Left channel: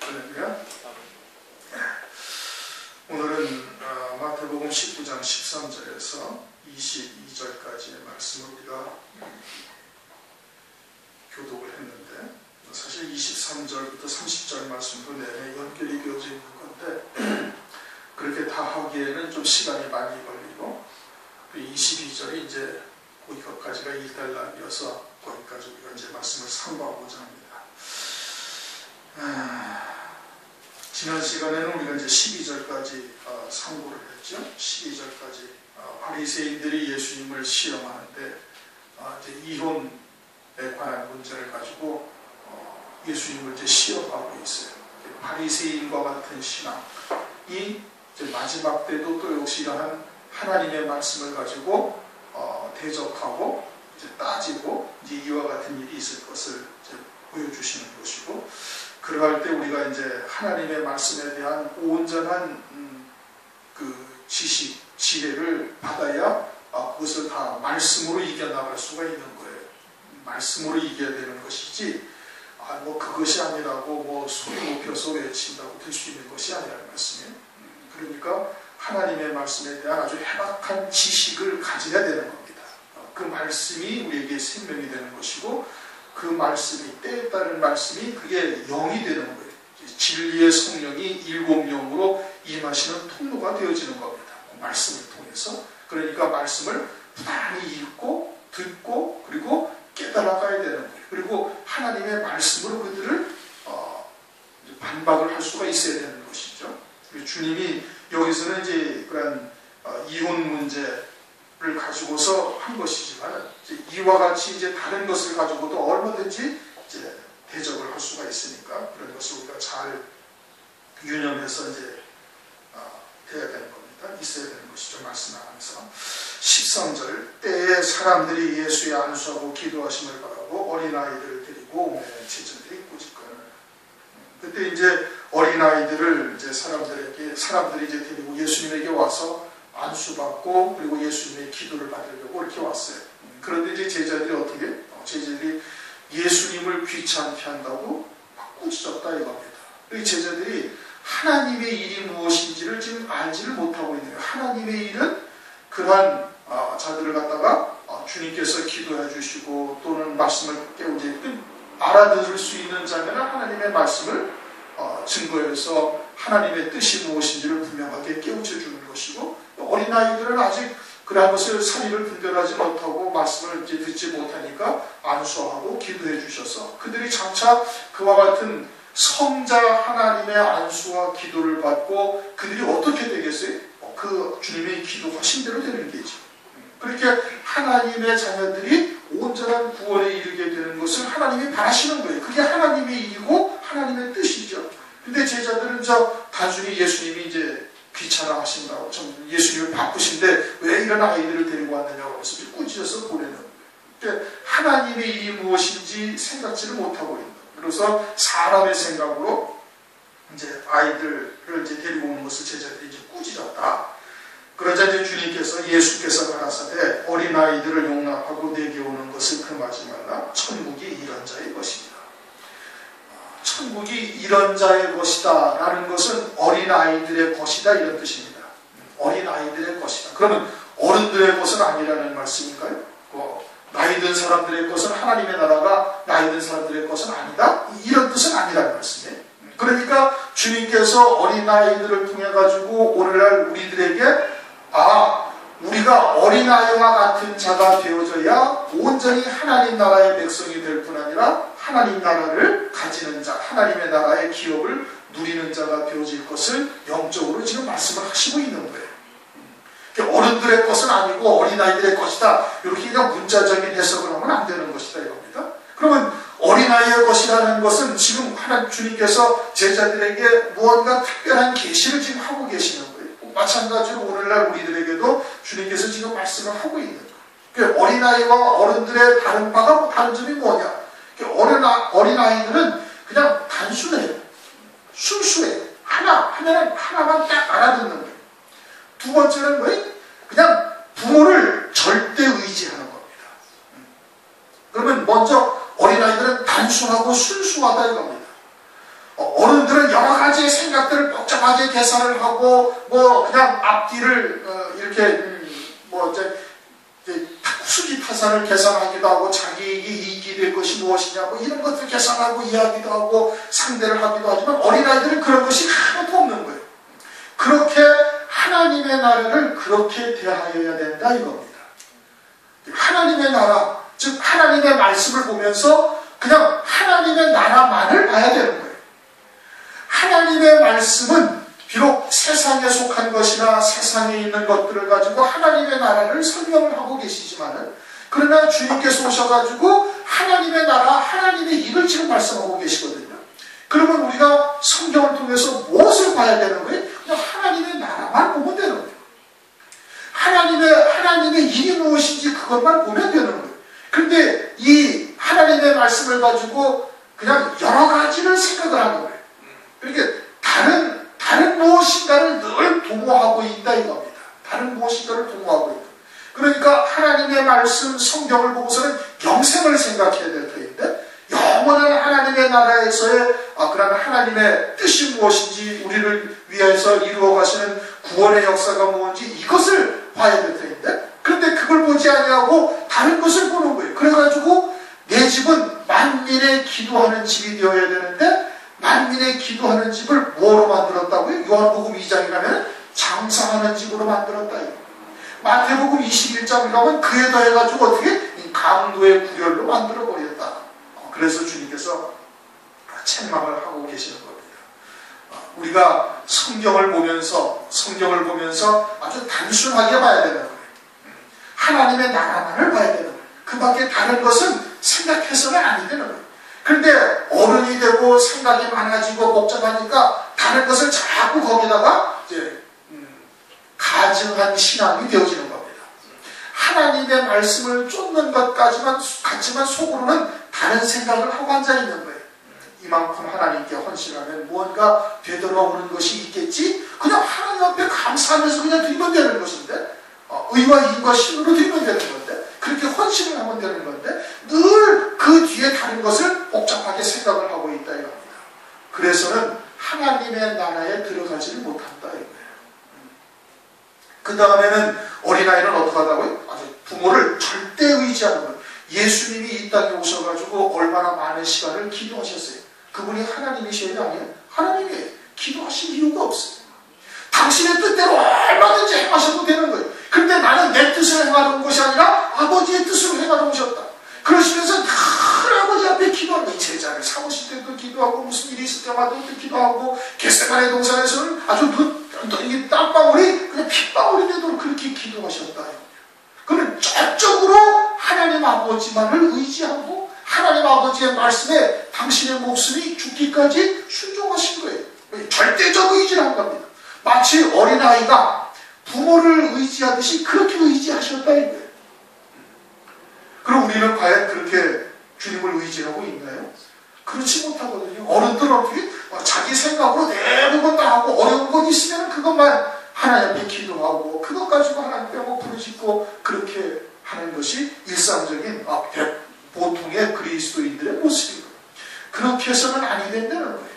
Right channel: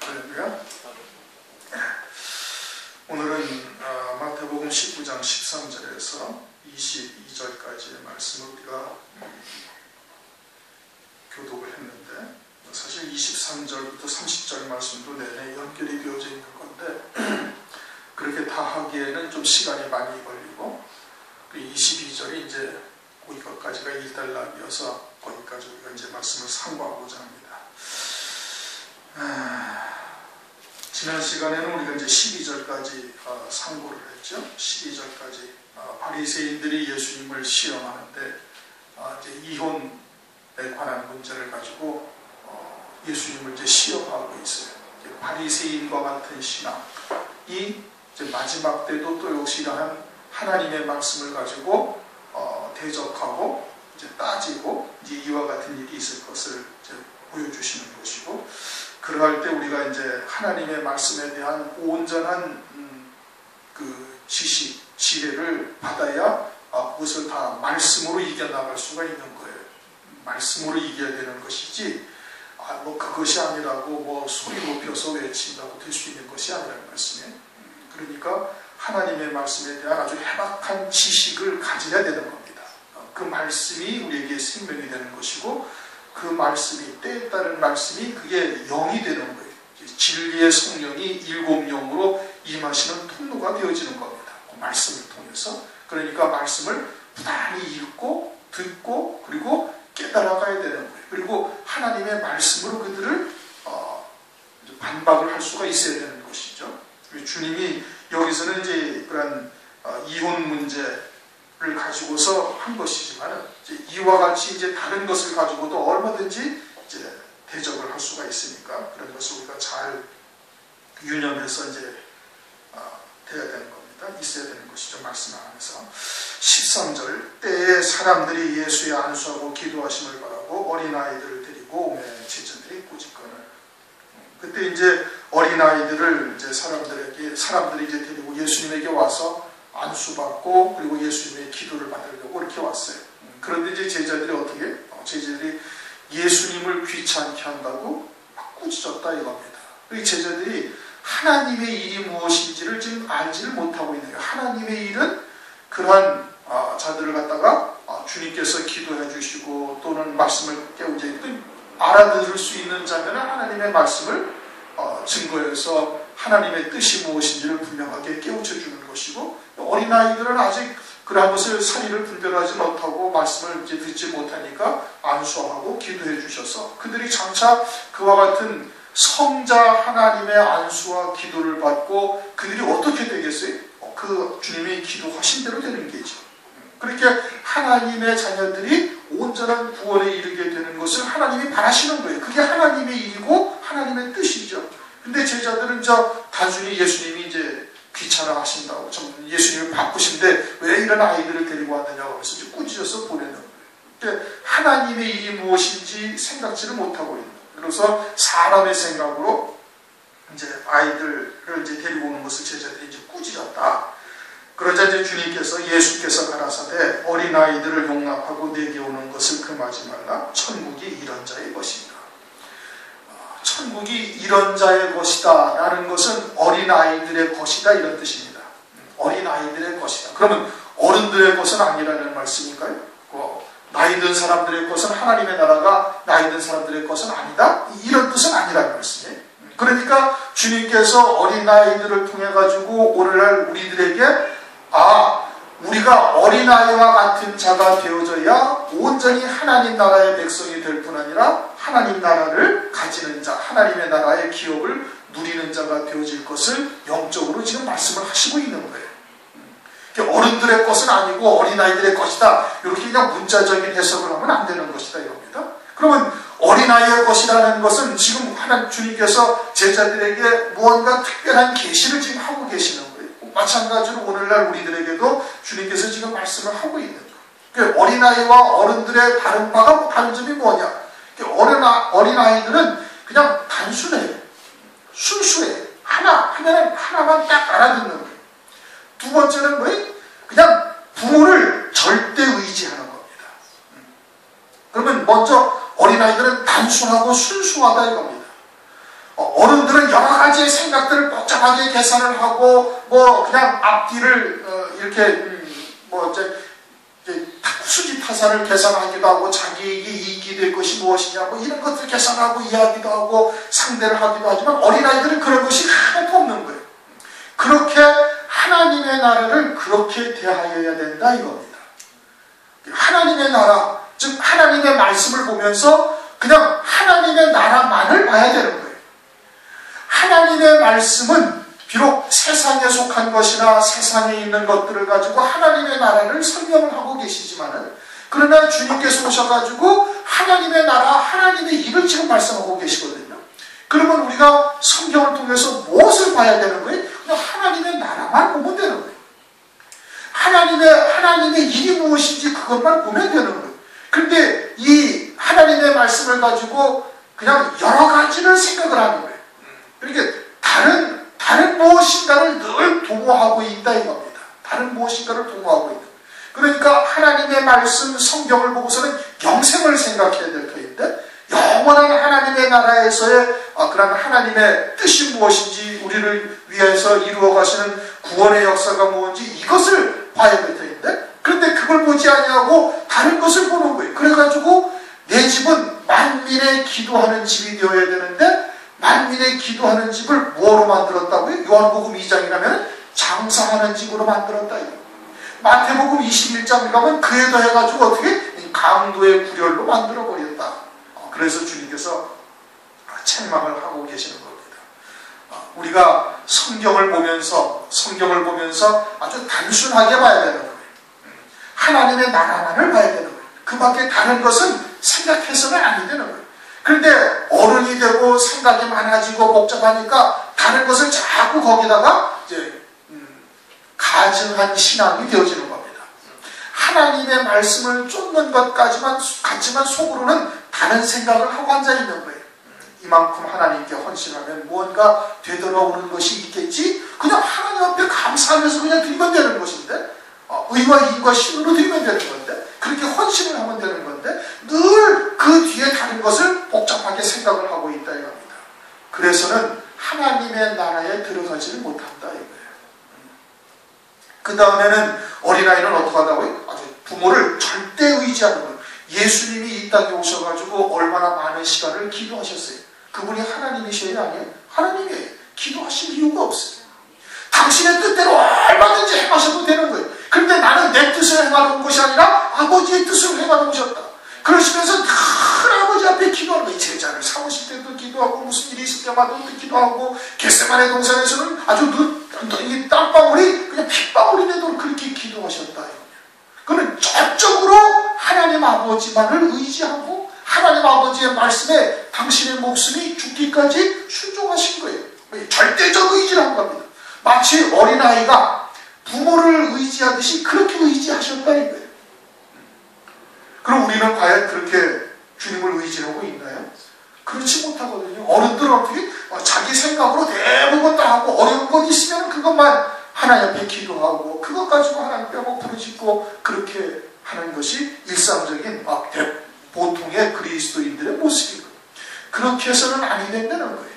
할렐루야. 오늘은 마태복음 19장 13절에서 22절까지의 말씀을 우리가 교독을 했는데, 사실 23절부터 30절 말씀도 내내 연결이 되어져 있는 건데 그렇게 다 하기에는 좀 시간이 많이 걸리고, 22절이 이제 거기까지가 일단락이어서 거기까지 우리가 이제 말씀을 상고하고자 합니다. 지난 시간에는 우리가 이제 12절까지 상고를 했죠. 12절까지 바리새인들이 예수님을 시험하는데 이제 이혼에 관한 문제를 가지고 예수님을 이제 시험하고 있어요. 바리새인과 같은 신앙이 이제 마지막 때도 또 역시 이러한 하나님의 말씀을 가지고 대적하고 이제 따지고 이제 이와 같은 일이 있을 것을 이제 보여주시는 것이고, 그러할 때 우리가 이제 하나님의 말씀에 대한 온전한 그 지식, 지혜를 받아야 그것을 다 말씀으로 이겨나갈 수가 있는 거예요. 말씀으로 이겨야 되는 것이지, 뭐 그것이 아니라고 뭐 소리 높여서 외친다고 될 수 있는 것이 아니라는 말씀이에요. 그러니까 하나님의 말씀에 대한 아주 해박한 지식을 가져야 되는 겁니다. 그 말씀이 우리에게 생명이 되는 것이고, 그 말씀이, 때에 따른 말씀이 그게 영이 되는 거예요. 진리의 성령이 일곱 영으로 임하시는 통로가 되어지는 겁니다. 그 말씀을 통해서. 그러니까 말씀을 부단히 읽고 듣고 그리고 깨달아가야 되는 거예요. 그리고 하나님의 말씀으로 그들을 반박을 할 수가 있어야 되는 것이죠. 주님이 여기서는 이제 그런 이혼 문제를 가지고서 한 것이지만, 이와 같이 이제 다른 것을 가지고도 얼마든지 이제 대적을 할 수가 있으니까 그런 것을 우리가 잘 유념해서 이제 돼야 되는 겁니다. 있어야 되는 것이죠. 말씀하면서 13절, 때에 사람들이 예수의 안수하고 기도하심을 바라고 어린아이들을 데리고 오매 제자들이 꾸짖거늘. 그때 이제 어린아이들을 이제 사람들이 이제 데리고 예수님에게 와서 안수받고 그리고 예수님의 기도를 받으려고 이렇게 왔어요. 그런데 이제 제자들이 어떻게? 제자들이 예수님을 귀찮게 한다고 막 꾸짖었다 이겁니다. 이 제자들이 하나님의 일이 무엇인지를 지금 알지를 못하고 있는 거예요. 하나님의 일은 그러한 자들을 갖다가 주님께서 기도해 주시고 또는 말씀을 깨우지 알아들을 수 있는 자면은 하나님의 말씀을 증거해서 하나님의 뜻이 무엇인지를 분명하게 깨우쳐 주는 것이고, 어린아이들은 아직 그러한 것을 사리를 분별하지 못하고 말씀을 이제 듣지 못하니까 안수하고 기도해 주셔서 그들이 장차 그와 같은 성자 하나님의 안수와 기도를 받고 그들이 어떻게 되겠어요? 그 주님의 기도하신 대로 되는 게죠. 그렇게 하나님의 자녀들이 온전한 구원에 이르게 되는 것을 하나님이 바라시는 거예요. 그게 하나님의 일이고 하나님의 뜻이죠. 근데 제자들은 단순히 예수님이 이제 귀찮아 하신다고, 예수님이 바쁘신데 왜 이런 아이들을 데리고 왔느냐고 해서 꾸짖어서 보내는 거예요. 그러니까 하나님의 일이 무엇인지 생각지를 못하고 있는 거예요. 그래서 사람의 생각으로 이제 아이들을 이제 데리고 오는 것을 제자들이 이제 꾸짖었다. 그러자 이제 예수께서 가라사대 어린아이들을 용납하고 내게 오는 것을 금하지 말라. 천국이 이런 자의 것이다. 천국이 이런 자의 것이다 라는 것은 어린아이들의 것이다 이런 뜻입니다. 어린아이들의 것이다. 그러면 어른들의 것은 아니라는 말씀인가요? 나이 든 사람들의 것은 하나님의 나라가 나이 든 사람들의 것은 아니다? 이런 뜻은 아니라는 말씀이에요. 그러니까 주님께서 어린아이들을 통해 가지고 오늘날 우리들에게 우리가 어린아이와 같은 자가 되어져야 온전히 하나님 나라의 백성이 될 뿐 아니라 하나님 나라를 가지는 자, 하나님의 나라의 기업을 누리는 자가 되어질 것을 영적으로 지금 말씀을 하시고 있는 거예요. 어른들의 것은 아니고 어린아이들의 것이다. 이렇게 그냥 문자적인 해석을 하면 안 되는 것이다 이겁니다. 그러면 어린아이의 것이라는 것은 지금 주님께서 제자들에게 무언가 특별한 계시를 지금 하고 계시는 거예요. 마찬가지로 오늘날 우리들에게도 주님께서 지금 말씀을 하고 있는 거예요. 어린아이와 어른들의 다른 점이 뭐냐? 어린아이들은 그냥 단순해요. 순수해요. 하나만 딱 알아듣는 거예요. 두 번째는 뭐예요? 그냥 부모를 절대 의지하는 겁니다. 그러면 먼저 어린아이들은 단순하고 순수하다 이겁니다. 어른들 여러분들은 여러 가지의 생각들을 복잡하게 계산을 하고 뭐 그냥 앞뒤를 이렇게 뭐 이제 수지 타산을 계산하기도 하고 자기에게 이익이 될 것이 무엇이냐 뭐 이런 것들을 계산하고 이야기도 하고 상대를 하기도 하지만 어린아이들은 그런 것이 하나도 없는 거예요. 그렇게 하나님의 나라를 그렇게 대하여야 된다 이겁니다. 하나님의 나라, 즉 하나님의 말씀을 보면서 그냥 하나님의 나라만을 봐야 되는 거예요. 하나님의 말씀은 비록 세상에 속한 것이나 세상에 있는 것들을 가지고 하나님의 나라를 설명을 하고 계시지만은 그러나 주님께서 오셔가지고 하나님의 나라, 하나님의 일을 지금 말씀하고 계시거든요. 그러면 우리가 성경을 통해서 무엇을 봐야 되는 거예요? 그냥 하나님의 나라만 보면 되는 거예요. 하나님의 일이 무엇인지 그것만 보면 되는 거예요. 근데 이 하나님의 말씀을 가지고 그냥 여러 가지를 생각을 하는 거예요. 그러니까 다른 무엇인가를 늘 도모하고 있다 이겁니다. 다른 무엇인가를 도모하고 있다. 그러니까 하나님의 말씀, 성경을 보고서는 영생을 생각해야 될 터인데 영원한 하나님의 나라에서의 그런 하나님의 뜻이 무엇인지 우리를 위해서 이루어 가시는 구원의 역사가 뭔지 이것을 봐야 될 터인데 그런데 그걸 보지 아니하고 다른 것을 보는 거예요. 그래가지고 내 집은 만민의 기도하는 집이 되어야 되는데 만민의 기도하는 집을 뭐로 만들었다고요? 요한복음 2장이라면 장사하는 집으로 만들었다. 마태복음 21장을 가면 그에 더해가지고 어떻게? 강도의 구렬로 만들어버렸다. 그래서 주님께서 책망을 하고 계시는 겁니다. 우리가 성경을 보면서 아주 단순하게 봐야 되는 거예요. 하나님의 나라만을 봐야 되는 거예요. 그 밖에 다른 것은 생각해서는 아니 되는 거예요. 그런데 어른이 되고 생각이 많아지고 복잡하니까 다른 것을 자꾸 거기다가 이제 가증한 신앙이 되어지는 겁니다. 하나님의 말씀을 쫓는 것 같지만 속으로는 다른 생각을 하고 앉아있는 거예요. 이만큼 하나님께 헌신하면 무언가 되돌아오는 것이 있겠지? 그냥 하나님 앞에 감사하면서 그냥 드리면 되는 것인데 의와 힘과 힘으로 드리면 되는 건데 그렇게 헌신을 하면 되는 건데 늘 그 뒤에 다른 것을 복잡하게 생각을 하고 있다 이겁니다. 그래서는 하나님의 나라에 들어가지를 못한다 이거예요. 그 다음에는 어린아이는 어떻게 하다고요? 부모를 절대 의지하는 거예요. 예수님이 이 땅에 오셔가지고 얼마나 많은 시간을 기도하셨어요. 그분이 하나님이셔야 아니에요? 하나님이에요. 기도하실 이유가 없어요. 당신의 뜻대로 얼마든지 행하셔도 되는 거예요. 근데 나는 내 뜻을 행하는 것이 아니라 아버지의 뜻을 행하는 것이었다. 그러시면서 큰 아버지 앞에 기도하는 거예요. 제자를 사오실 때도 기도하고 무슨 일이 있을 때마다 또 기도하고 겟세마네 동산에서는 아주 이 땀방울이 그냥 핏방울이 되도록 그렇게 기도하셨다. 그는 전적으로 하나님 아버지만을 의지하고 하나님 아버지의 말씀에 당신의 목숨이 죽기까지 순종하신 거예요. 절대적 의지를 한 겁니다. 마치 어린아이가 부모를 의지하듯이 그렇게 의지하셨다 이거예요. 그럼 우리는 과연 그렇게 주님을 의지하고 있나요? 그렇지 못하거든요. 어른들은 어떻게 자기 생각으로 대부분 다 하고 어려운 것 있으면 그것만 하나님 앞에 기도하고 그것 가지고 하나님 뼈 부르짖고 그렇게 하는 것이 일상적인 보통의 그리스도인들의 모습이고 그렇게 해서는 아니 된다는 거예요.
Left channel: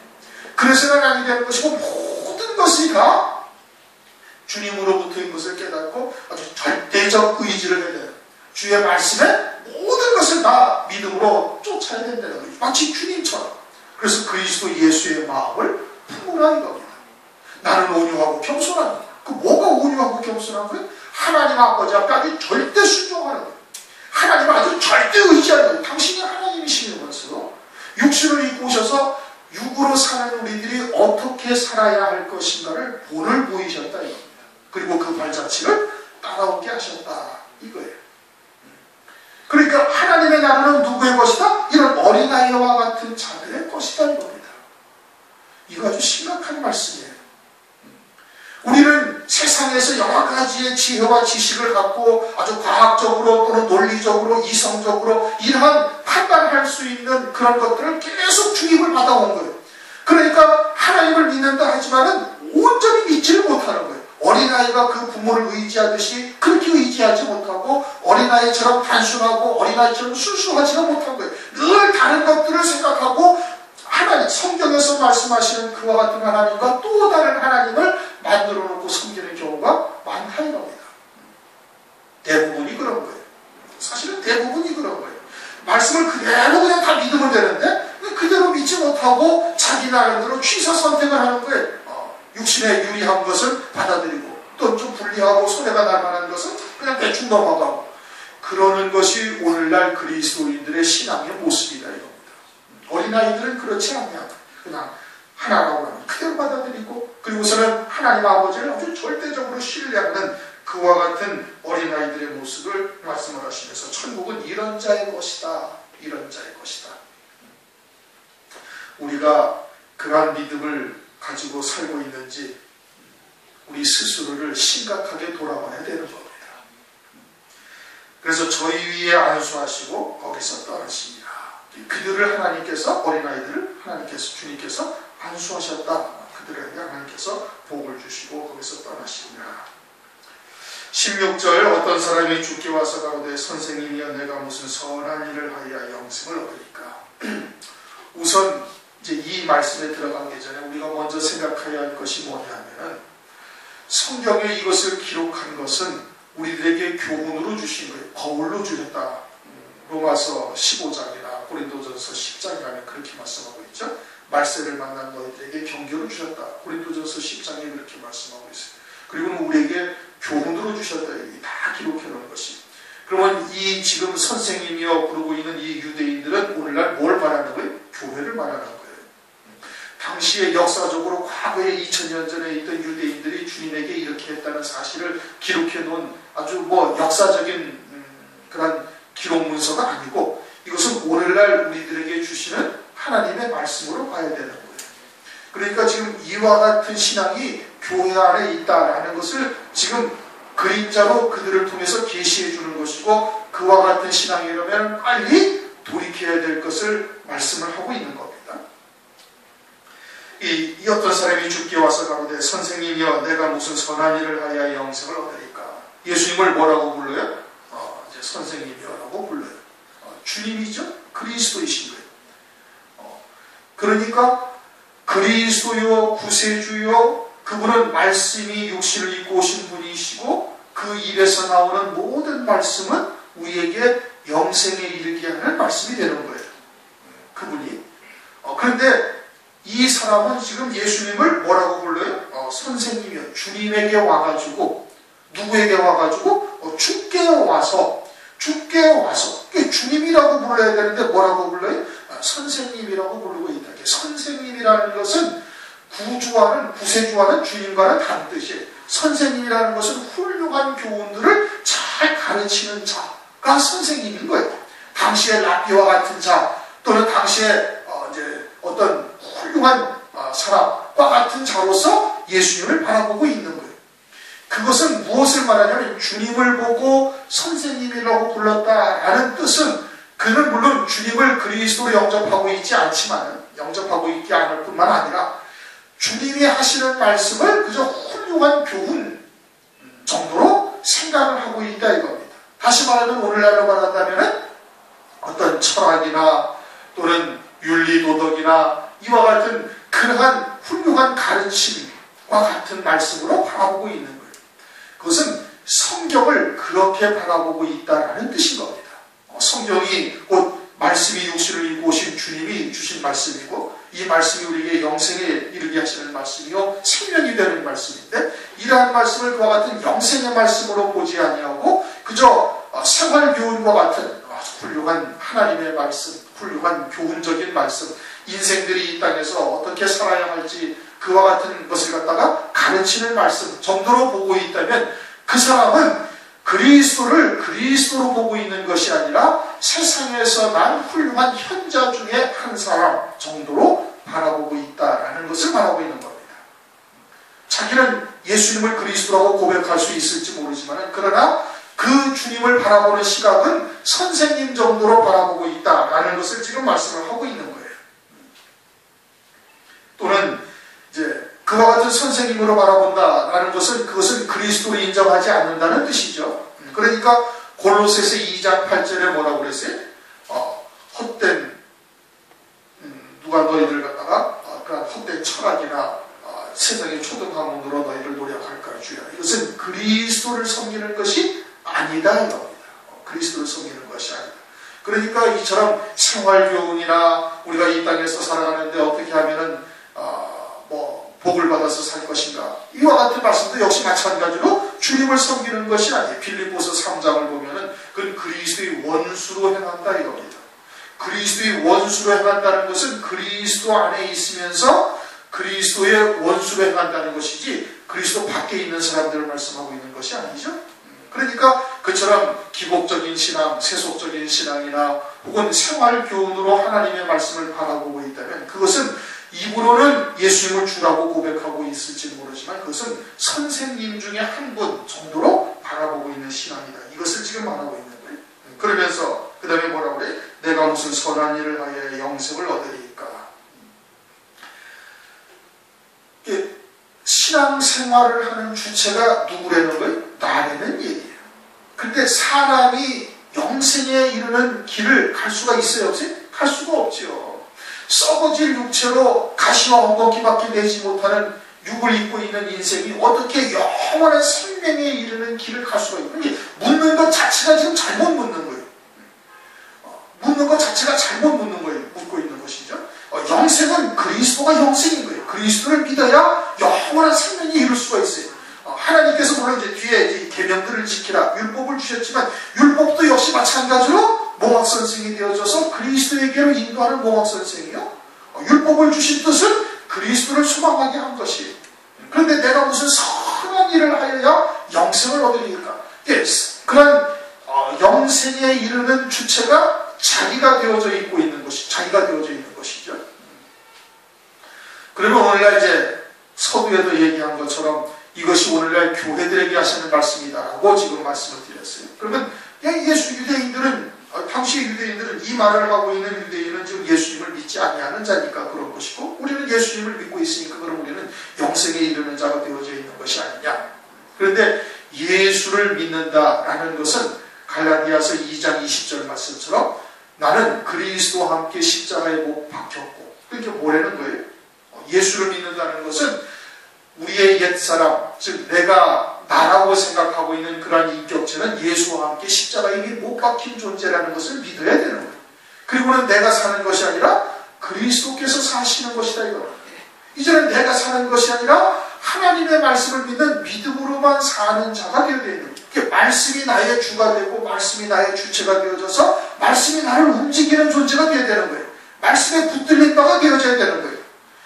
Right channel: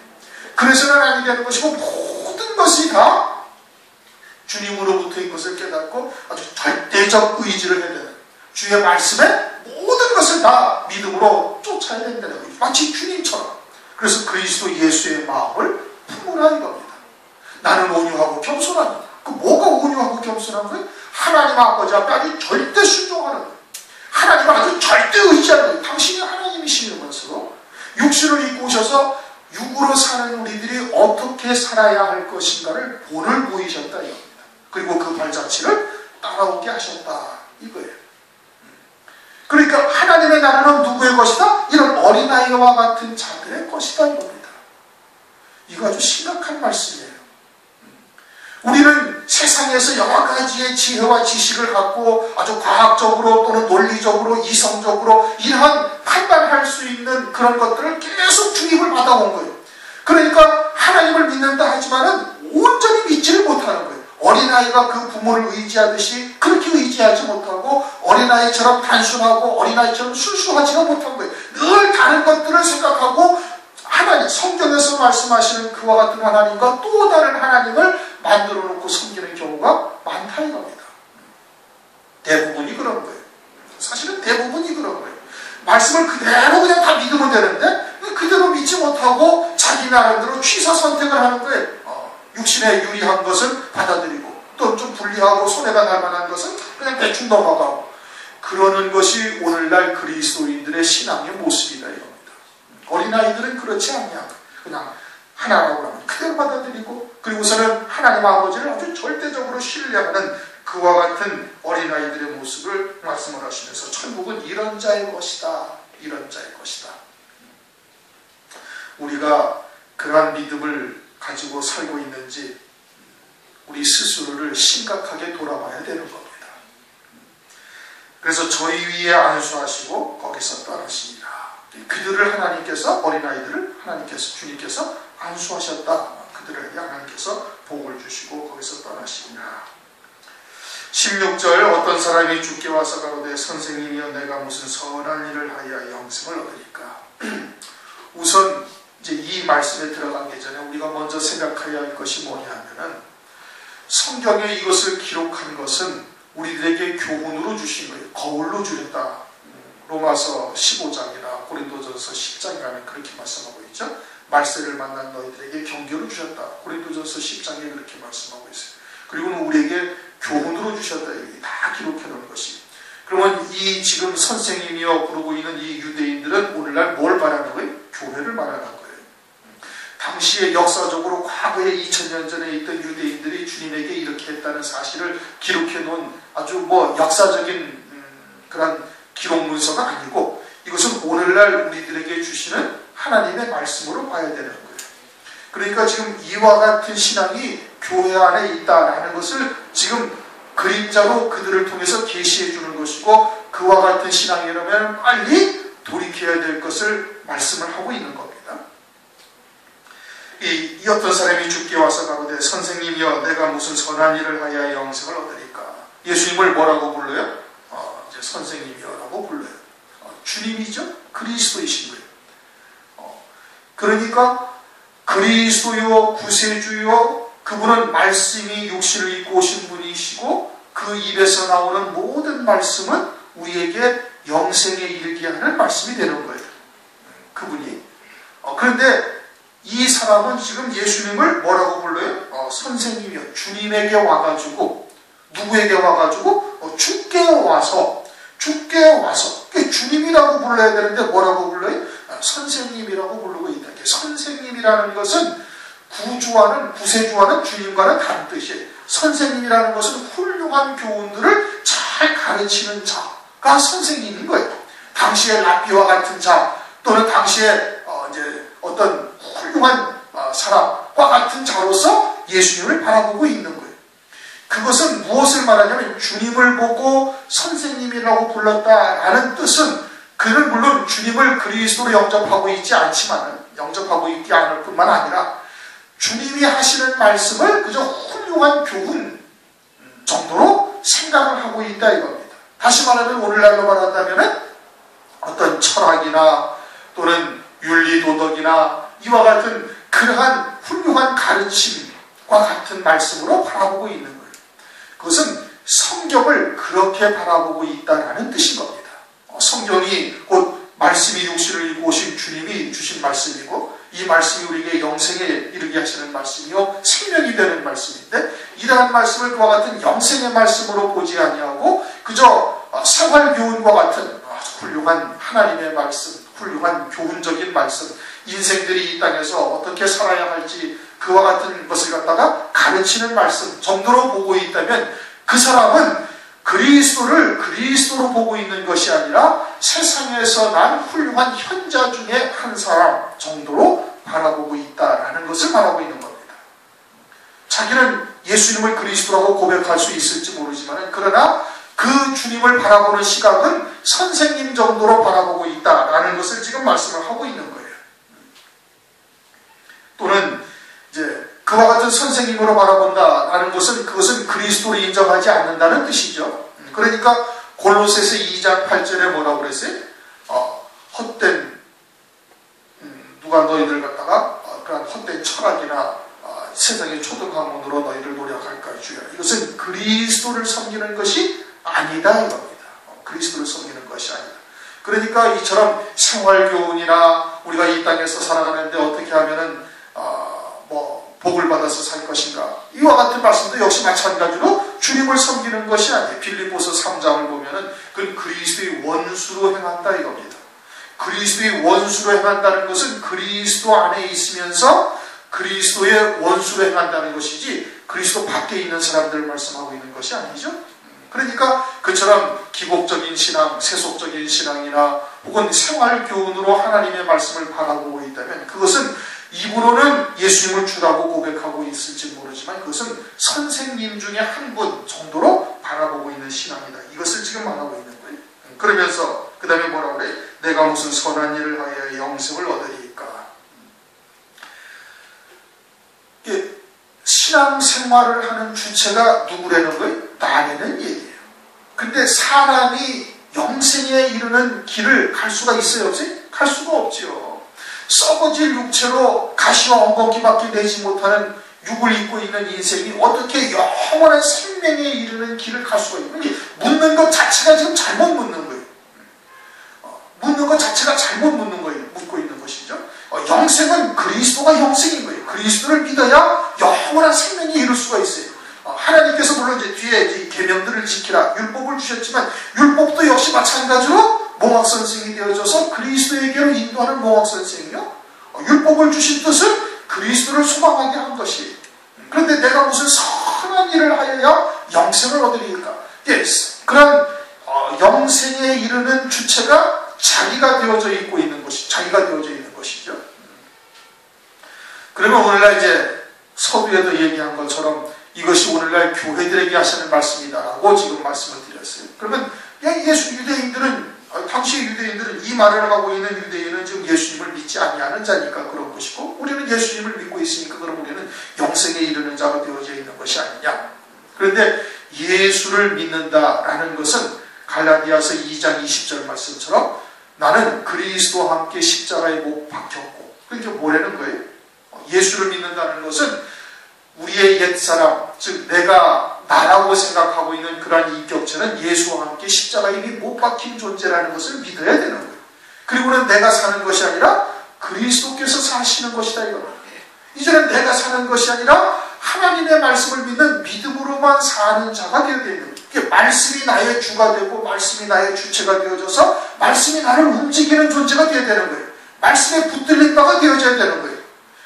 그래서는 아니 되는 것이고 모든 것이 다 주님으로부터인 것을 깨닫고 아주 절대적 의지를 해야 돼요. 주의 말씀에 모든 것을 다 믿음으로 쫓아야 된다는 거예요. 마치 주님처럼. 그래서 그리스도 예수의 마음을 품으라 이겁니다. 나는 온유하고 겸손합니다. 그 뭐가 온유하고 겸손한 거예요? 하나님 아버지 앞에 아주 절대 순종하는 거예요. 하나님을 아주 절대 의지하는 거예요. 당신이 하나님이시는 것으로 육신을 입고 오셔서 육으로 사는 우리들이 어떻게 살아야 할 것인가를 본을 보이셨다 이겁니다. 그리고 그 발자취를 따라오게 하셨다 이거예요. 그러니까 하나님의 나라는 누구의 것이다? 이런 어린아이와 같은 자들의 것이다 이겁니다. 이거 아주 심각한 말씀이에요. 우리는 세상에서 여러 가지의 지혜와 지식을 갖고 아주 과학적으로 또는 논리적으로 이성적으로 이러한 판단할 수 있는 그런 것들을 계속 주입을 받아온 거예요. 그러니까 하나님을 믿는다 하지만은 온전히 믿지를 못하는 거예요. 어린아이가 그 부모를 의지하듯이 그렇게 의지하지 못하고 어린아이처럼 단순하고 어린아이처럼 순수하지가 못한 거예요. 늘 다른 것들을 생각하고 하나님, 성경에서 말씀하시는 그와 같은 하나님과 또 다른 하나님을 만들어 놓고 섬기는 경우가 많다 이겁니다. 대부분이 그런 거예요. 사실은 대부분이 그런 거예요. 말씀을 그대로 그냥 다 믿으면 되는데 그대로 믿지 못하고 자기 나름대로 취사 선택을 하는 거예요. 육신에 유리한 것을 받아들이고 또 좀 불리하고 손해가 날 만한 것은 그냥 대충 넘어가고 그러는 것이 오늘날 그리스도인들의 신앙의 모습이다 이겁니다. 어린아이들은 그렇지 않냐. 그냥 하나라고 하면 그대로 받아들이고 그리고서는 하나님 아버지를 아주 절대적으로 신뢰하는 그와 같은 어린아이들의 모습을 말씀을 하시면서 천국은 이런 자의 것이다. 이런 자의 것이다. 우리가 그러한 믿음을 가지고 살고 있는지 우리 스스로를 심각하게 돌아봐야 되는 겁니다. 그래서 저희 위에 안수하시고 거기서 떠나십니다. 그들을 하나님께서 어린아이들을 하나님께서 주님께서 안수하셨다. 그들에게 하나님께서 복을 주시고 거기서 떠나십니다. 16절 어떤 사람이 주께 와서 가로되 선생님이여 내가 무슨 선한 일을 하여 영생을 얻으리까. 우선 이제 이 말씀에 들어가기 전에 우리가 먼저 생각해야 할 것이 뭐냐면은 성경에 이것을 기록한 것은 우리들에게 교훈으로 주신 거예요. 거울로 주셨다. 로마서 15장이나 고린도전서 10장이라는 그렇게 말씀하고 있죠. 말세를 만난 너희들에게 경계로 주셨다. 고린도전서 10장에 그렇게 말씀하고 있어요. 그리고 우리에게 교훈으로 주셨다. 여기 다 기록해 놓은 것이. 그러면 이 지금 선생님이여 부르고 있는 이 유대인들은 오늘날 뭘 말하는 거예요? 교회를 말하는 거예요. 당시에 역사적으로 과거에 2000년 전에 있던 유대인들이 주님에게 이렇게 했다는 사실을 기록해 놓은 아주 역사적인 그런 기록 문서가 아니고 이것은 오늘날 우리들에게 주시는 하나님의 말씀으로 봐야 되는 거예요. 그러니까 지금 이와 같은 신앙이 교회 안에 있다라는 것을 지금 그림자로 그들을 통해서 계시해 주는 것이고 그와 같은 신앙이라면 빨리 돌이켜야 될 것을 말씀을 하고 있는 겁니다. 이 어떤 사람이 주께 와서 가로되 선생님이여 내가 무슨 선한 일을 하여 영생을 얻으리까. 예수님을 뭐라고 불러요? 이제 선생님이라고 불러요. 주님이죠? 그리스도이신 거예요. 그러니까 그리스도요 구세주요 그분은 말씀이 육신을 입고 오신 분이시고 그 입에서 나오는 모든 말씀은 우리에게 영생에 이르게 하는 말씀이 되는 거예요. 그분이. 그런데 이 사람은 지금 예수님을 뭐라고 불러요? 선생님이요. 주님에게 와가지고 누구에게 와가지고 주께 와서 주님이라고 불러야 되는데 뭐라고 불러요? 선생님이라고 부르고 있다. 선생님이라는 것은 구세주와는 주님과는 다른 뜻이에요. 선생님이라는 것은 훌륭한 교훈들을 잘 가르치는 자가 선생님인 거예요. 당시에 랍비와 같은 자 또는 당시에 이제 어떤 훌륭한 사람과 같은 자로서 예수님을 바라보고 있는 거예요. 그것은 무엇을 말하냐면 주님을 보고 선생님이라고 불렀다라는 뜻은 그는 물론 주님을 그리스도로 영접하고 있지 않지만 영접하고 있지 않을 뿐만 아니라 주님이 하시는 말씀을 그저 훌륭한 교훈 정도로 생각을 하고 있다 이겁니다. 다시 말하면 오늘날로 말한다면 어떤 철학이나 또는 윤리도덕이나 이와 같은 그러한 훌륭한 가르침과 같은 말씀으로 바라보고 있는 거예요. 그것은 성경을 그렇게 바라보고 있다는 뜻인 겁니다. 성경이 곧 말씀이 육신을 입고 오신 주님이 주신 말씀이고 이 말씀이 우리에게 영생에 이르게 하시는 말씀이요 생명이 되는 말씀인데 이러한 말씀을 그와 같은 영생의 말씀으로 보지 아니하고 그저 생활교훈과 같은 훌륭한 하나님의 말씀, 훌륭한 교훈적인 말씀, 인생들이 이 땅에서 어떻게 살아야 할지 그와 같은 것을 갖다가 가르치는 말씀 정도로 보고 있다면 그 사람은 그리스도를 그리스도로 보고 있는 것이 아니라 세상에서 난 훌륭한 현자 중에 한 사람 정도로 바라보고 있다라는 것을 말하고 있는 겁니다. 자기는 예수님을 그리스도라고 고백할 수 있을지 모르지만 그러나 그 주님을 바라보는 시각은 선생님 정도로 바라보고 있다라는 것을 지금 말씀을 하고 있는 거예요. 또는 이제 그와 같은 선생님으로 바라본다라는 것은 그것은 그리스도를 인정하지 않는다는 뜻이죠. 그러니까 골로새서 2장 8절에 뭐라고 그랬어요? 헛된 누가 너희들 갖다가 그런 헛된 철학이나 세상의 초등학문으로 너희를 노력할까 주여. 이것은 그리스도를 섬기는 것이 아니다 이겁니다. 그리스도를 섬기는 것이 아니다. 그러니까 이처럼 생활교훈이나 우리가 이 땅에서 살아가는데 어떻게 하면은 복을 받아서 살 것인가, 이와 같은 말씀도 역시 마찬가지로 주님을 섬기는 것이 아니에요. 빌립보서 3장을 보면은 그건 그리스도의 원수로 행한다 이겁니다. 그리스도의 원수로 행한다는 것은 그리스도 안에 있으면서 그리스도의 원수로 행한다는 것이지 그리스도 밖에 있는 사람들을 말씀하고 있는 것이 아니죠. 그러니까 그처럼 기복적인 신앙, 세속적인 신앙이나 혹은 생활교훈으로 하나님의 말씀을 바라보고 있다면 그것은 입으로는 예수님을 주라고 고백하고 있을지 모르지만 그것은 선생님 중에 한 분 정도로 바라보고 있는 신앙이다. 이것을 지금 말하고 있는 거예요. 그러면서 그 다음에 뭐라고 그래? 내가 무슨 선한 일을 하여 영생을 얻으리까. 신앙생활을 하는 주체가 누구라는 거예요? 나라는 얘기예요. 근데 사람이 영생에 이르는 길을 갈 수가 있어요? 없어요? 갈 수가 없지요. 썩어질 육체로 가시와 엉겅퀴밖에 내지 못하는 육을 입고 있는 인생이 어떻게 영원한 생명에 이르는 길을 갈 수가 있는지, 묻는 것 자체가 지금 잘못 묻는 거예요. 묻는 것 자체가 잘못 묻는 거예요. 묻고 있는 것이죠. 영생은 그리스도가 영생인 거예요. 그리스도를 믿어야 영원한 생명에 이룰 수가 있어요. 하나님께서 물론 이제 뒤에 이제 계명들을 지키라 율법을 주셨지만 율법도 역시 마찬가지로 몽학선생이 되어져서 그리스도에게로 인도하는 몽학선생이요. 율법을 주신 뜻은 그리스도를 소망하게 한 것이. 그런데 내가 무슨 선한 일을 하여야 영생을 얻으리까? 그런 영생에 이르는 주체가 자기가 되어져 있고 있는 것이, 자기가 되어져 있는 것이죠. 그러면 오늘날 이제 서두에도 얘기한 것처럼 이것이 오늘날 교회들에게 하시는 말씀이다라고 지금 말씀을 드렸어요. 그러면 유대인들은, 당시 유대인들은 이 말을 하고 있는 유대인은 지금 예수님을 믿지 아니하는 자니까 그런 것이고, 우리는 예수님을 믿고 있으니까 그럼 우리는 영생에 이르는 자가 되어져 있는 것이 아니냐. 그런데 예수를 믿는다라는 것은 갈라디아서 2장 20절 말씀처럼 나는 그리스도와 함께 십자가에 못 박혔고, 그러니까 뭐라는 거예요? 예수를 믿는다는 것은 우리의 옛사람, 즉 내가 나라고 생각하고 있는 그러한 인격체는 예수와 함께 십자가에 못 박힌 존재라는 것을 믿어야 되는 거예요. 그리고는 내가 사는 것이 아니라 그리스도께서 사시는 것이다 이거예요. 이제는 내가 사는 것이 아니라 하나님의 말씀을 믿는 믿음으로만 사는 자가 되어야 되는 거예요. 말씀이 나의 주가 되고 말씀이 나의 주체가 되어져서 말씀이 나를 움직이는 존재가 되어야 되는 거예요. 말씀에 붙들린 바가 되어져야 되는 거예요.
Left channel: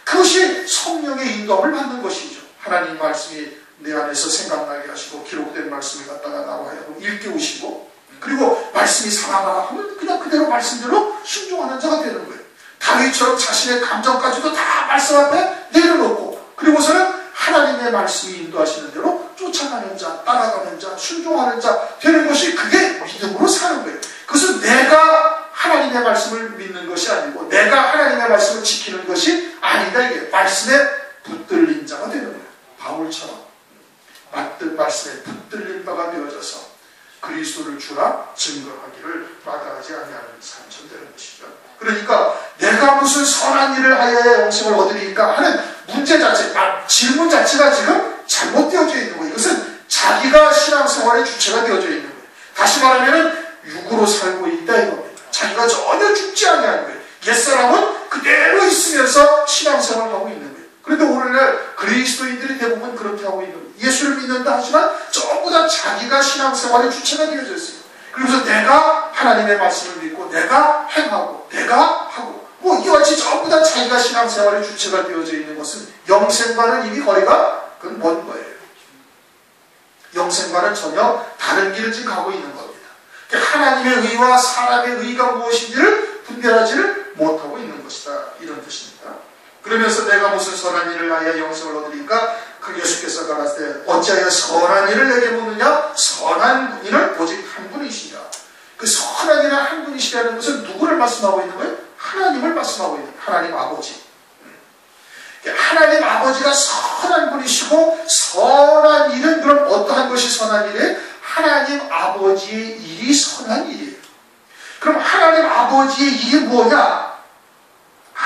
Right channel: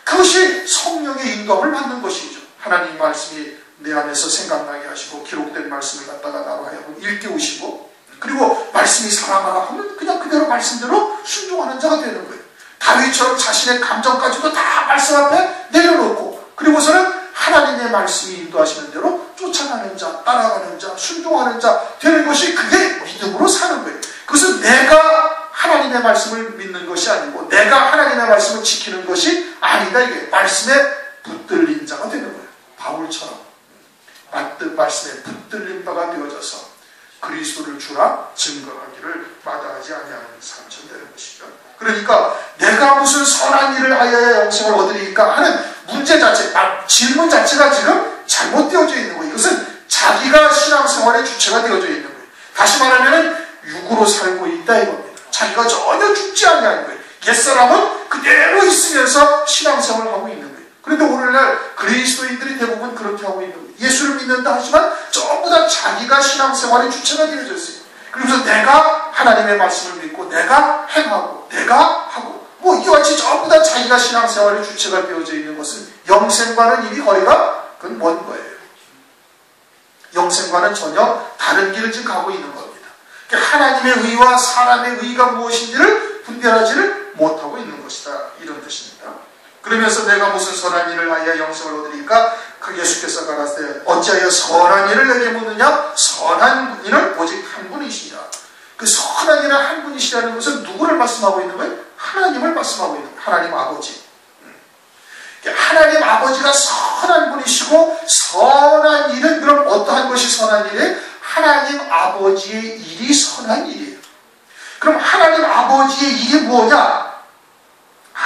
그것이 성령의 인도함을 받는 것이죠. 하나님 말씀이 내 안에서 생각나게 하시고 기록된 말씀을 갖다가 나와 일깨우시고, 그리고 말씀이 살아나라 하면 그냥 그대로 말씀대로 순종하는 자가 되는 거예요. 다윗처럼 자신의 감정까지도 다 말씀 앞에 내려놓고, 그리고서는 하나님의 말씀이 인도하시는 대로 쫓아가는 자, 따라가는 자, 순종하는 자 되는 것이, 그게 믿음으로 사는 거예요. 그것은 내가 하나님의 말씀을 믿는 것이 아니고 내가 하나님의 말씀을 지키는 것이 아니다. 이게 말씀에 붙들린 자가 되는 거예요. 바울처럼 말씀에 붙들린 바가 되어져서 그리스도를 주라 증거하기를 마다하지 아니하는 사람처럼 되는 것이죠. 그러니까 내가 무슨 선한 일을 하여야 영생을 얻으리까 하는 문제 자체, 질문 자체가 지금 잘못되어져 있는 거예요. 이것은 자기가 신앙생활의 주체가 되어져 있는 거예요. 다시 말하면 육으로 살고 있다 이겁니다. 자기가 전혀 죽지 않는 거예요. 옛사람은 그대로 있으면서 신앙생활을 하고 있는 거예요. 그런데 오늘날 그리스도인들이 대부분 그렇게 하고 있는 거예요. 예수를 믿는다 하지만 전부 다 자기가 신앙생활의 주체가 되어져 있어요. 그래서 내가 하나님의 말씀을 믿고 내가 행하고 내가 하고 이와 같이 전부 다 자기가 신앙생활의 주체가 되어져 있는 것은 영생과는 이미 거리가 그건 먼 거예요. 영생과는 전혀 다른 길을 지금 가고 있는 겁니다. 하나님의 의와 사람의 의가 무엇인지를 분별하지를 못하고 있는 것이다, 이런 뜻입니다. 그러면서 내가 무슨 선한 일을 하여 영생을 얻으리까? 그 예수께서 가라사대 어찌하여 선한 일을 내게 묻느냐? 선한 이는 오직 한 분이시냐. 그 선한 이는 한 분이시라는 것은 누구를 말씀하고 있는 거예요? 하나님을 말씀하고 있는 거예요. 하나님 아버지. 하나님 아버지가 선한 분이시고, 선한 일은 그럼 어떠한 것이 선한 일이에요? 하나님 아버지의 일이 선한 일이에요. 그럼 하나님 아버지의 일이 뭐냐?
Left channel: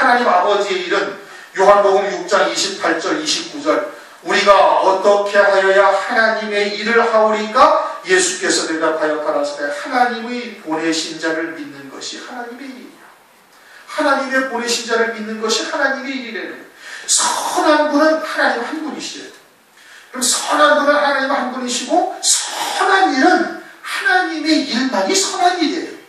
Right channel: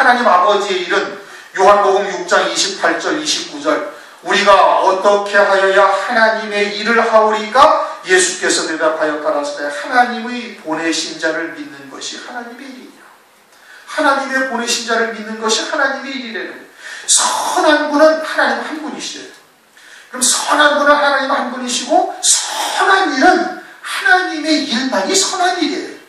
하나님 아버지의 일은 요한복음 6장 28절 29절 우리가 어떻게 하여야 하나님의 일을 하오리까? 예수께서 대답하여 가라사대 하나님의 보내신 자를 믿는 것이 하나님의 일이라. 하나님의 보내신 자를 믿는 것이 하나님의 일이래요. 선한 분은 하나님 한 분이시래요. 그럼 선한 분은 하나님 한 분이시고 선한 일은 하나님의 일만이 선한 일이에요.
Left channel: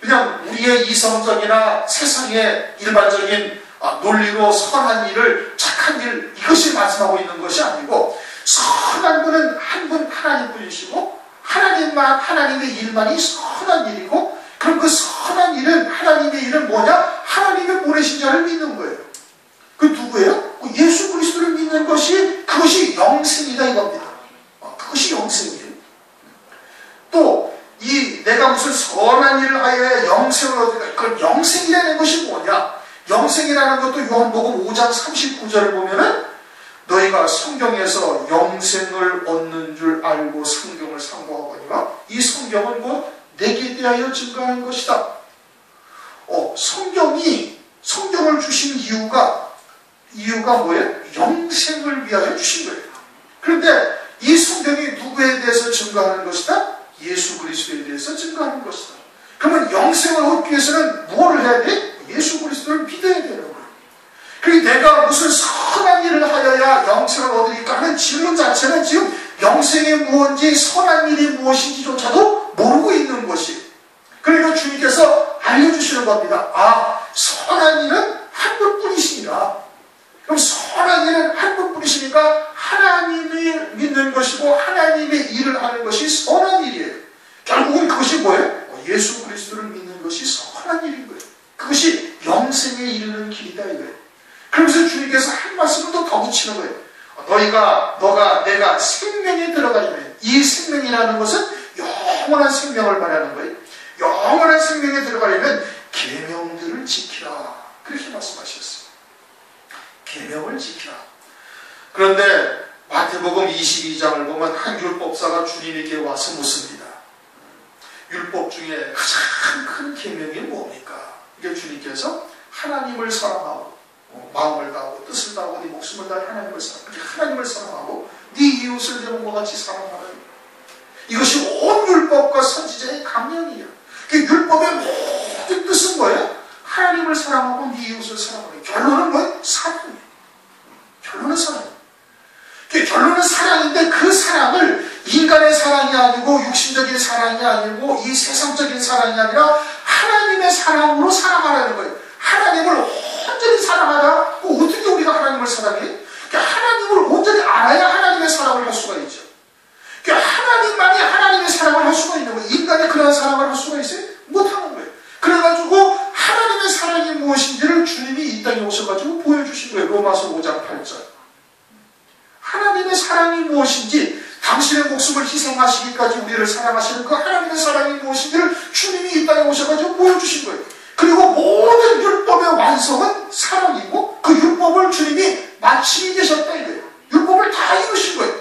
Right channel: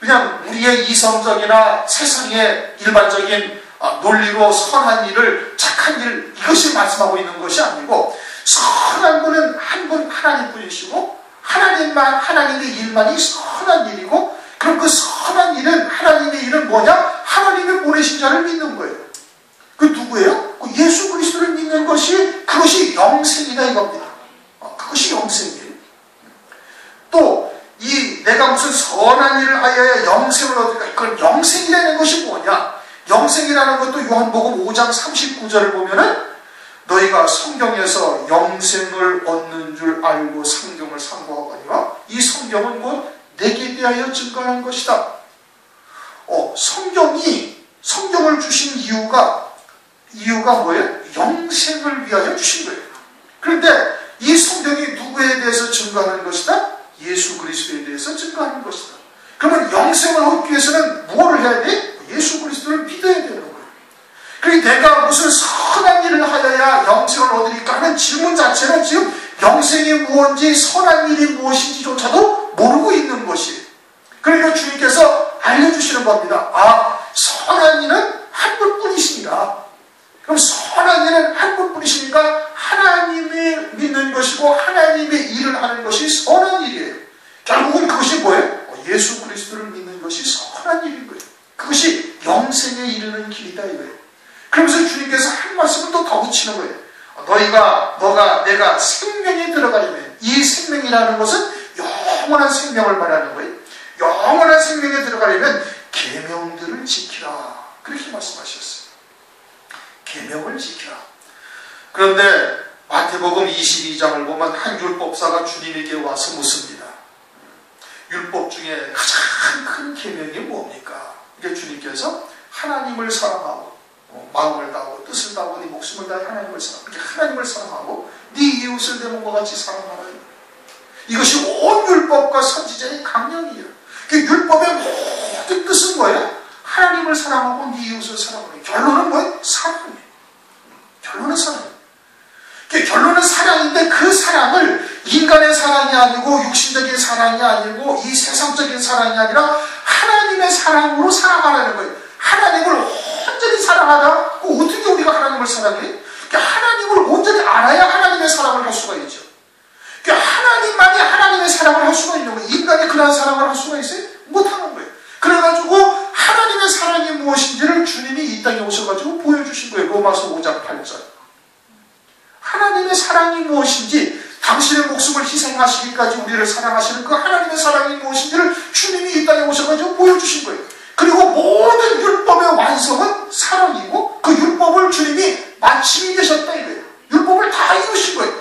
그냥 우리의 이성적이나 세상의 일반적인 논리로 선한 일을 착한 일 이것이 말씀하고 있는 것이 아니고 선한 분은 한 분 하나님 분이시고 하나님의 일만이 선한 일이고 그럼 그 선한 일은 하나님의 일은 뭐냐? 하나님의 보내신 자를 믿는 거예요. 그 누구예요? 그 예수 그리스도를 믿는 것이 그것이 영생이다 이겁니다. 그것이 영생이에요. 또 이 내가 무슨 선한 일을 하여 영생을 얻을까? 그건 영생이라는 것이 뭐냐? 영생이라는 것도 요한복음 5장 39절을 보면은 너희가 성경에서 영생을 얻는 줄 알고 성경을 상고하거니와 이 성경은 곧 내게 대하여 증거하는 것이다. 성경을 주신 이유가 뭐예요? 영생을 위하여 주신 거예요. 그런데 이 성경이 누구에 대해서 증거하는 것이다? 예수 그리스도에 대해서 증거하는 것이다. 그러면 영생을 얻기 위해서는 무엇을 해야 돼? 예수 그리스도를 믿어야 되는 거예요. 그러니까 내가 무슨 선한 일을 하여야 영생을 얻으니까 하는 질문 자체는 지금 영생이 무엇인지 선한 일이 무엇인지조차도 모르고 있는 것이에요. 그러니까 주님께서 알려주시는 겁니다. 선한 일은 한 분뿐이시니라. 그럼 선한 일은 한 분뿐이시니까 하나님을 믿는 것이고 하나님의 일을 하는 것이 선한 일이에요. 결국은 그것이 뭐예요? 예수 그리스도를 믿는 것이 선한 일인 거예요. 그것이 영생에 이르는 길이다 이거예요. 그러면서 주님께서 한 말씀을 또 더 붙이는 거예요. 내가 생명에 들어가려면 이 생명이라는 것은 영원한 생명을 말하는 거예요. 영원한 생명에 들어가려면 계명들을 지키라. 그렇게 말씀하셨어요. 계명을 지키라. 그런데 마태복음 22장을 보면 한 율법사가 주님에게 와서 묻습니다. 율법 중에 가장 큰 계명이 뭡니까? 이게 주님께서 하나님을 사랑하고 마음을 다하고 뜻을 다하고 네 목숨을 다해 하나님을 사랑하고 이렇게 하나님을 사랑하고 네 이웃을 내 몸과 같이 사랑하라. 이것이 온 율법과 선지자의 강령이에요. 율법의 모든 뜻은 뭐예요? 하나님을 사랑하고 네 이웃을 사랑하고 결론은 뭐예요? 사랑이에요. 결론은 사랑이에요. 결론은 사랑인데 그 사랑을 인간의 사랑이 아니고 육신적인 사랑이 아니고 이 세상적인 사랑이 아니라 하나님의 사랑으로 사랑하라는 거예요. 하나님을 온전히 사랑하자. 어떻게 우리가 하나님을 사랑해? 하나님을 온전히 알아야 하나님의 사랑을 할 수가 있죠. 하나님만이 하나님의 사랑을 할 수가 있는 거예요. 인간이 그런 사랑을 할 수가 있어요? 못하는 거예요. 그래가지고 하나님의 사랑이 무엇인지를 주님이 이 땅에 오셔가지고 보여주신 거예요. 로마서 5장 8절. 하나님의 사랑이 무엇인지 당신의 목숨을 희생하시기까지 우리를 사랑하시는 그 하나님의 사랑이 무엇인지를 주님이 이 땅에 오셔가지고 보여주신 거예요. 그리고 모든 율법의 완성은 사랑이고 그 율법을 주님이 마치게 되셨다 이거예요. 율법을 다 이루신 거예요.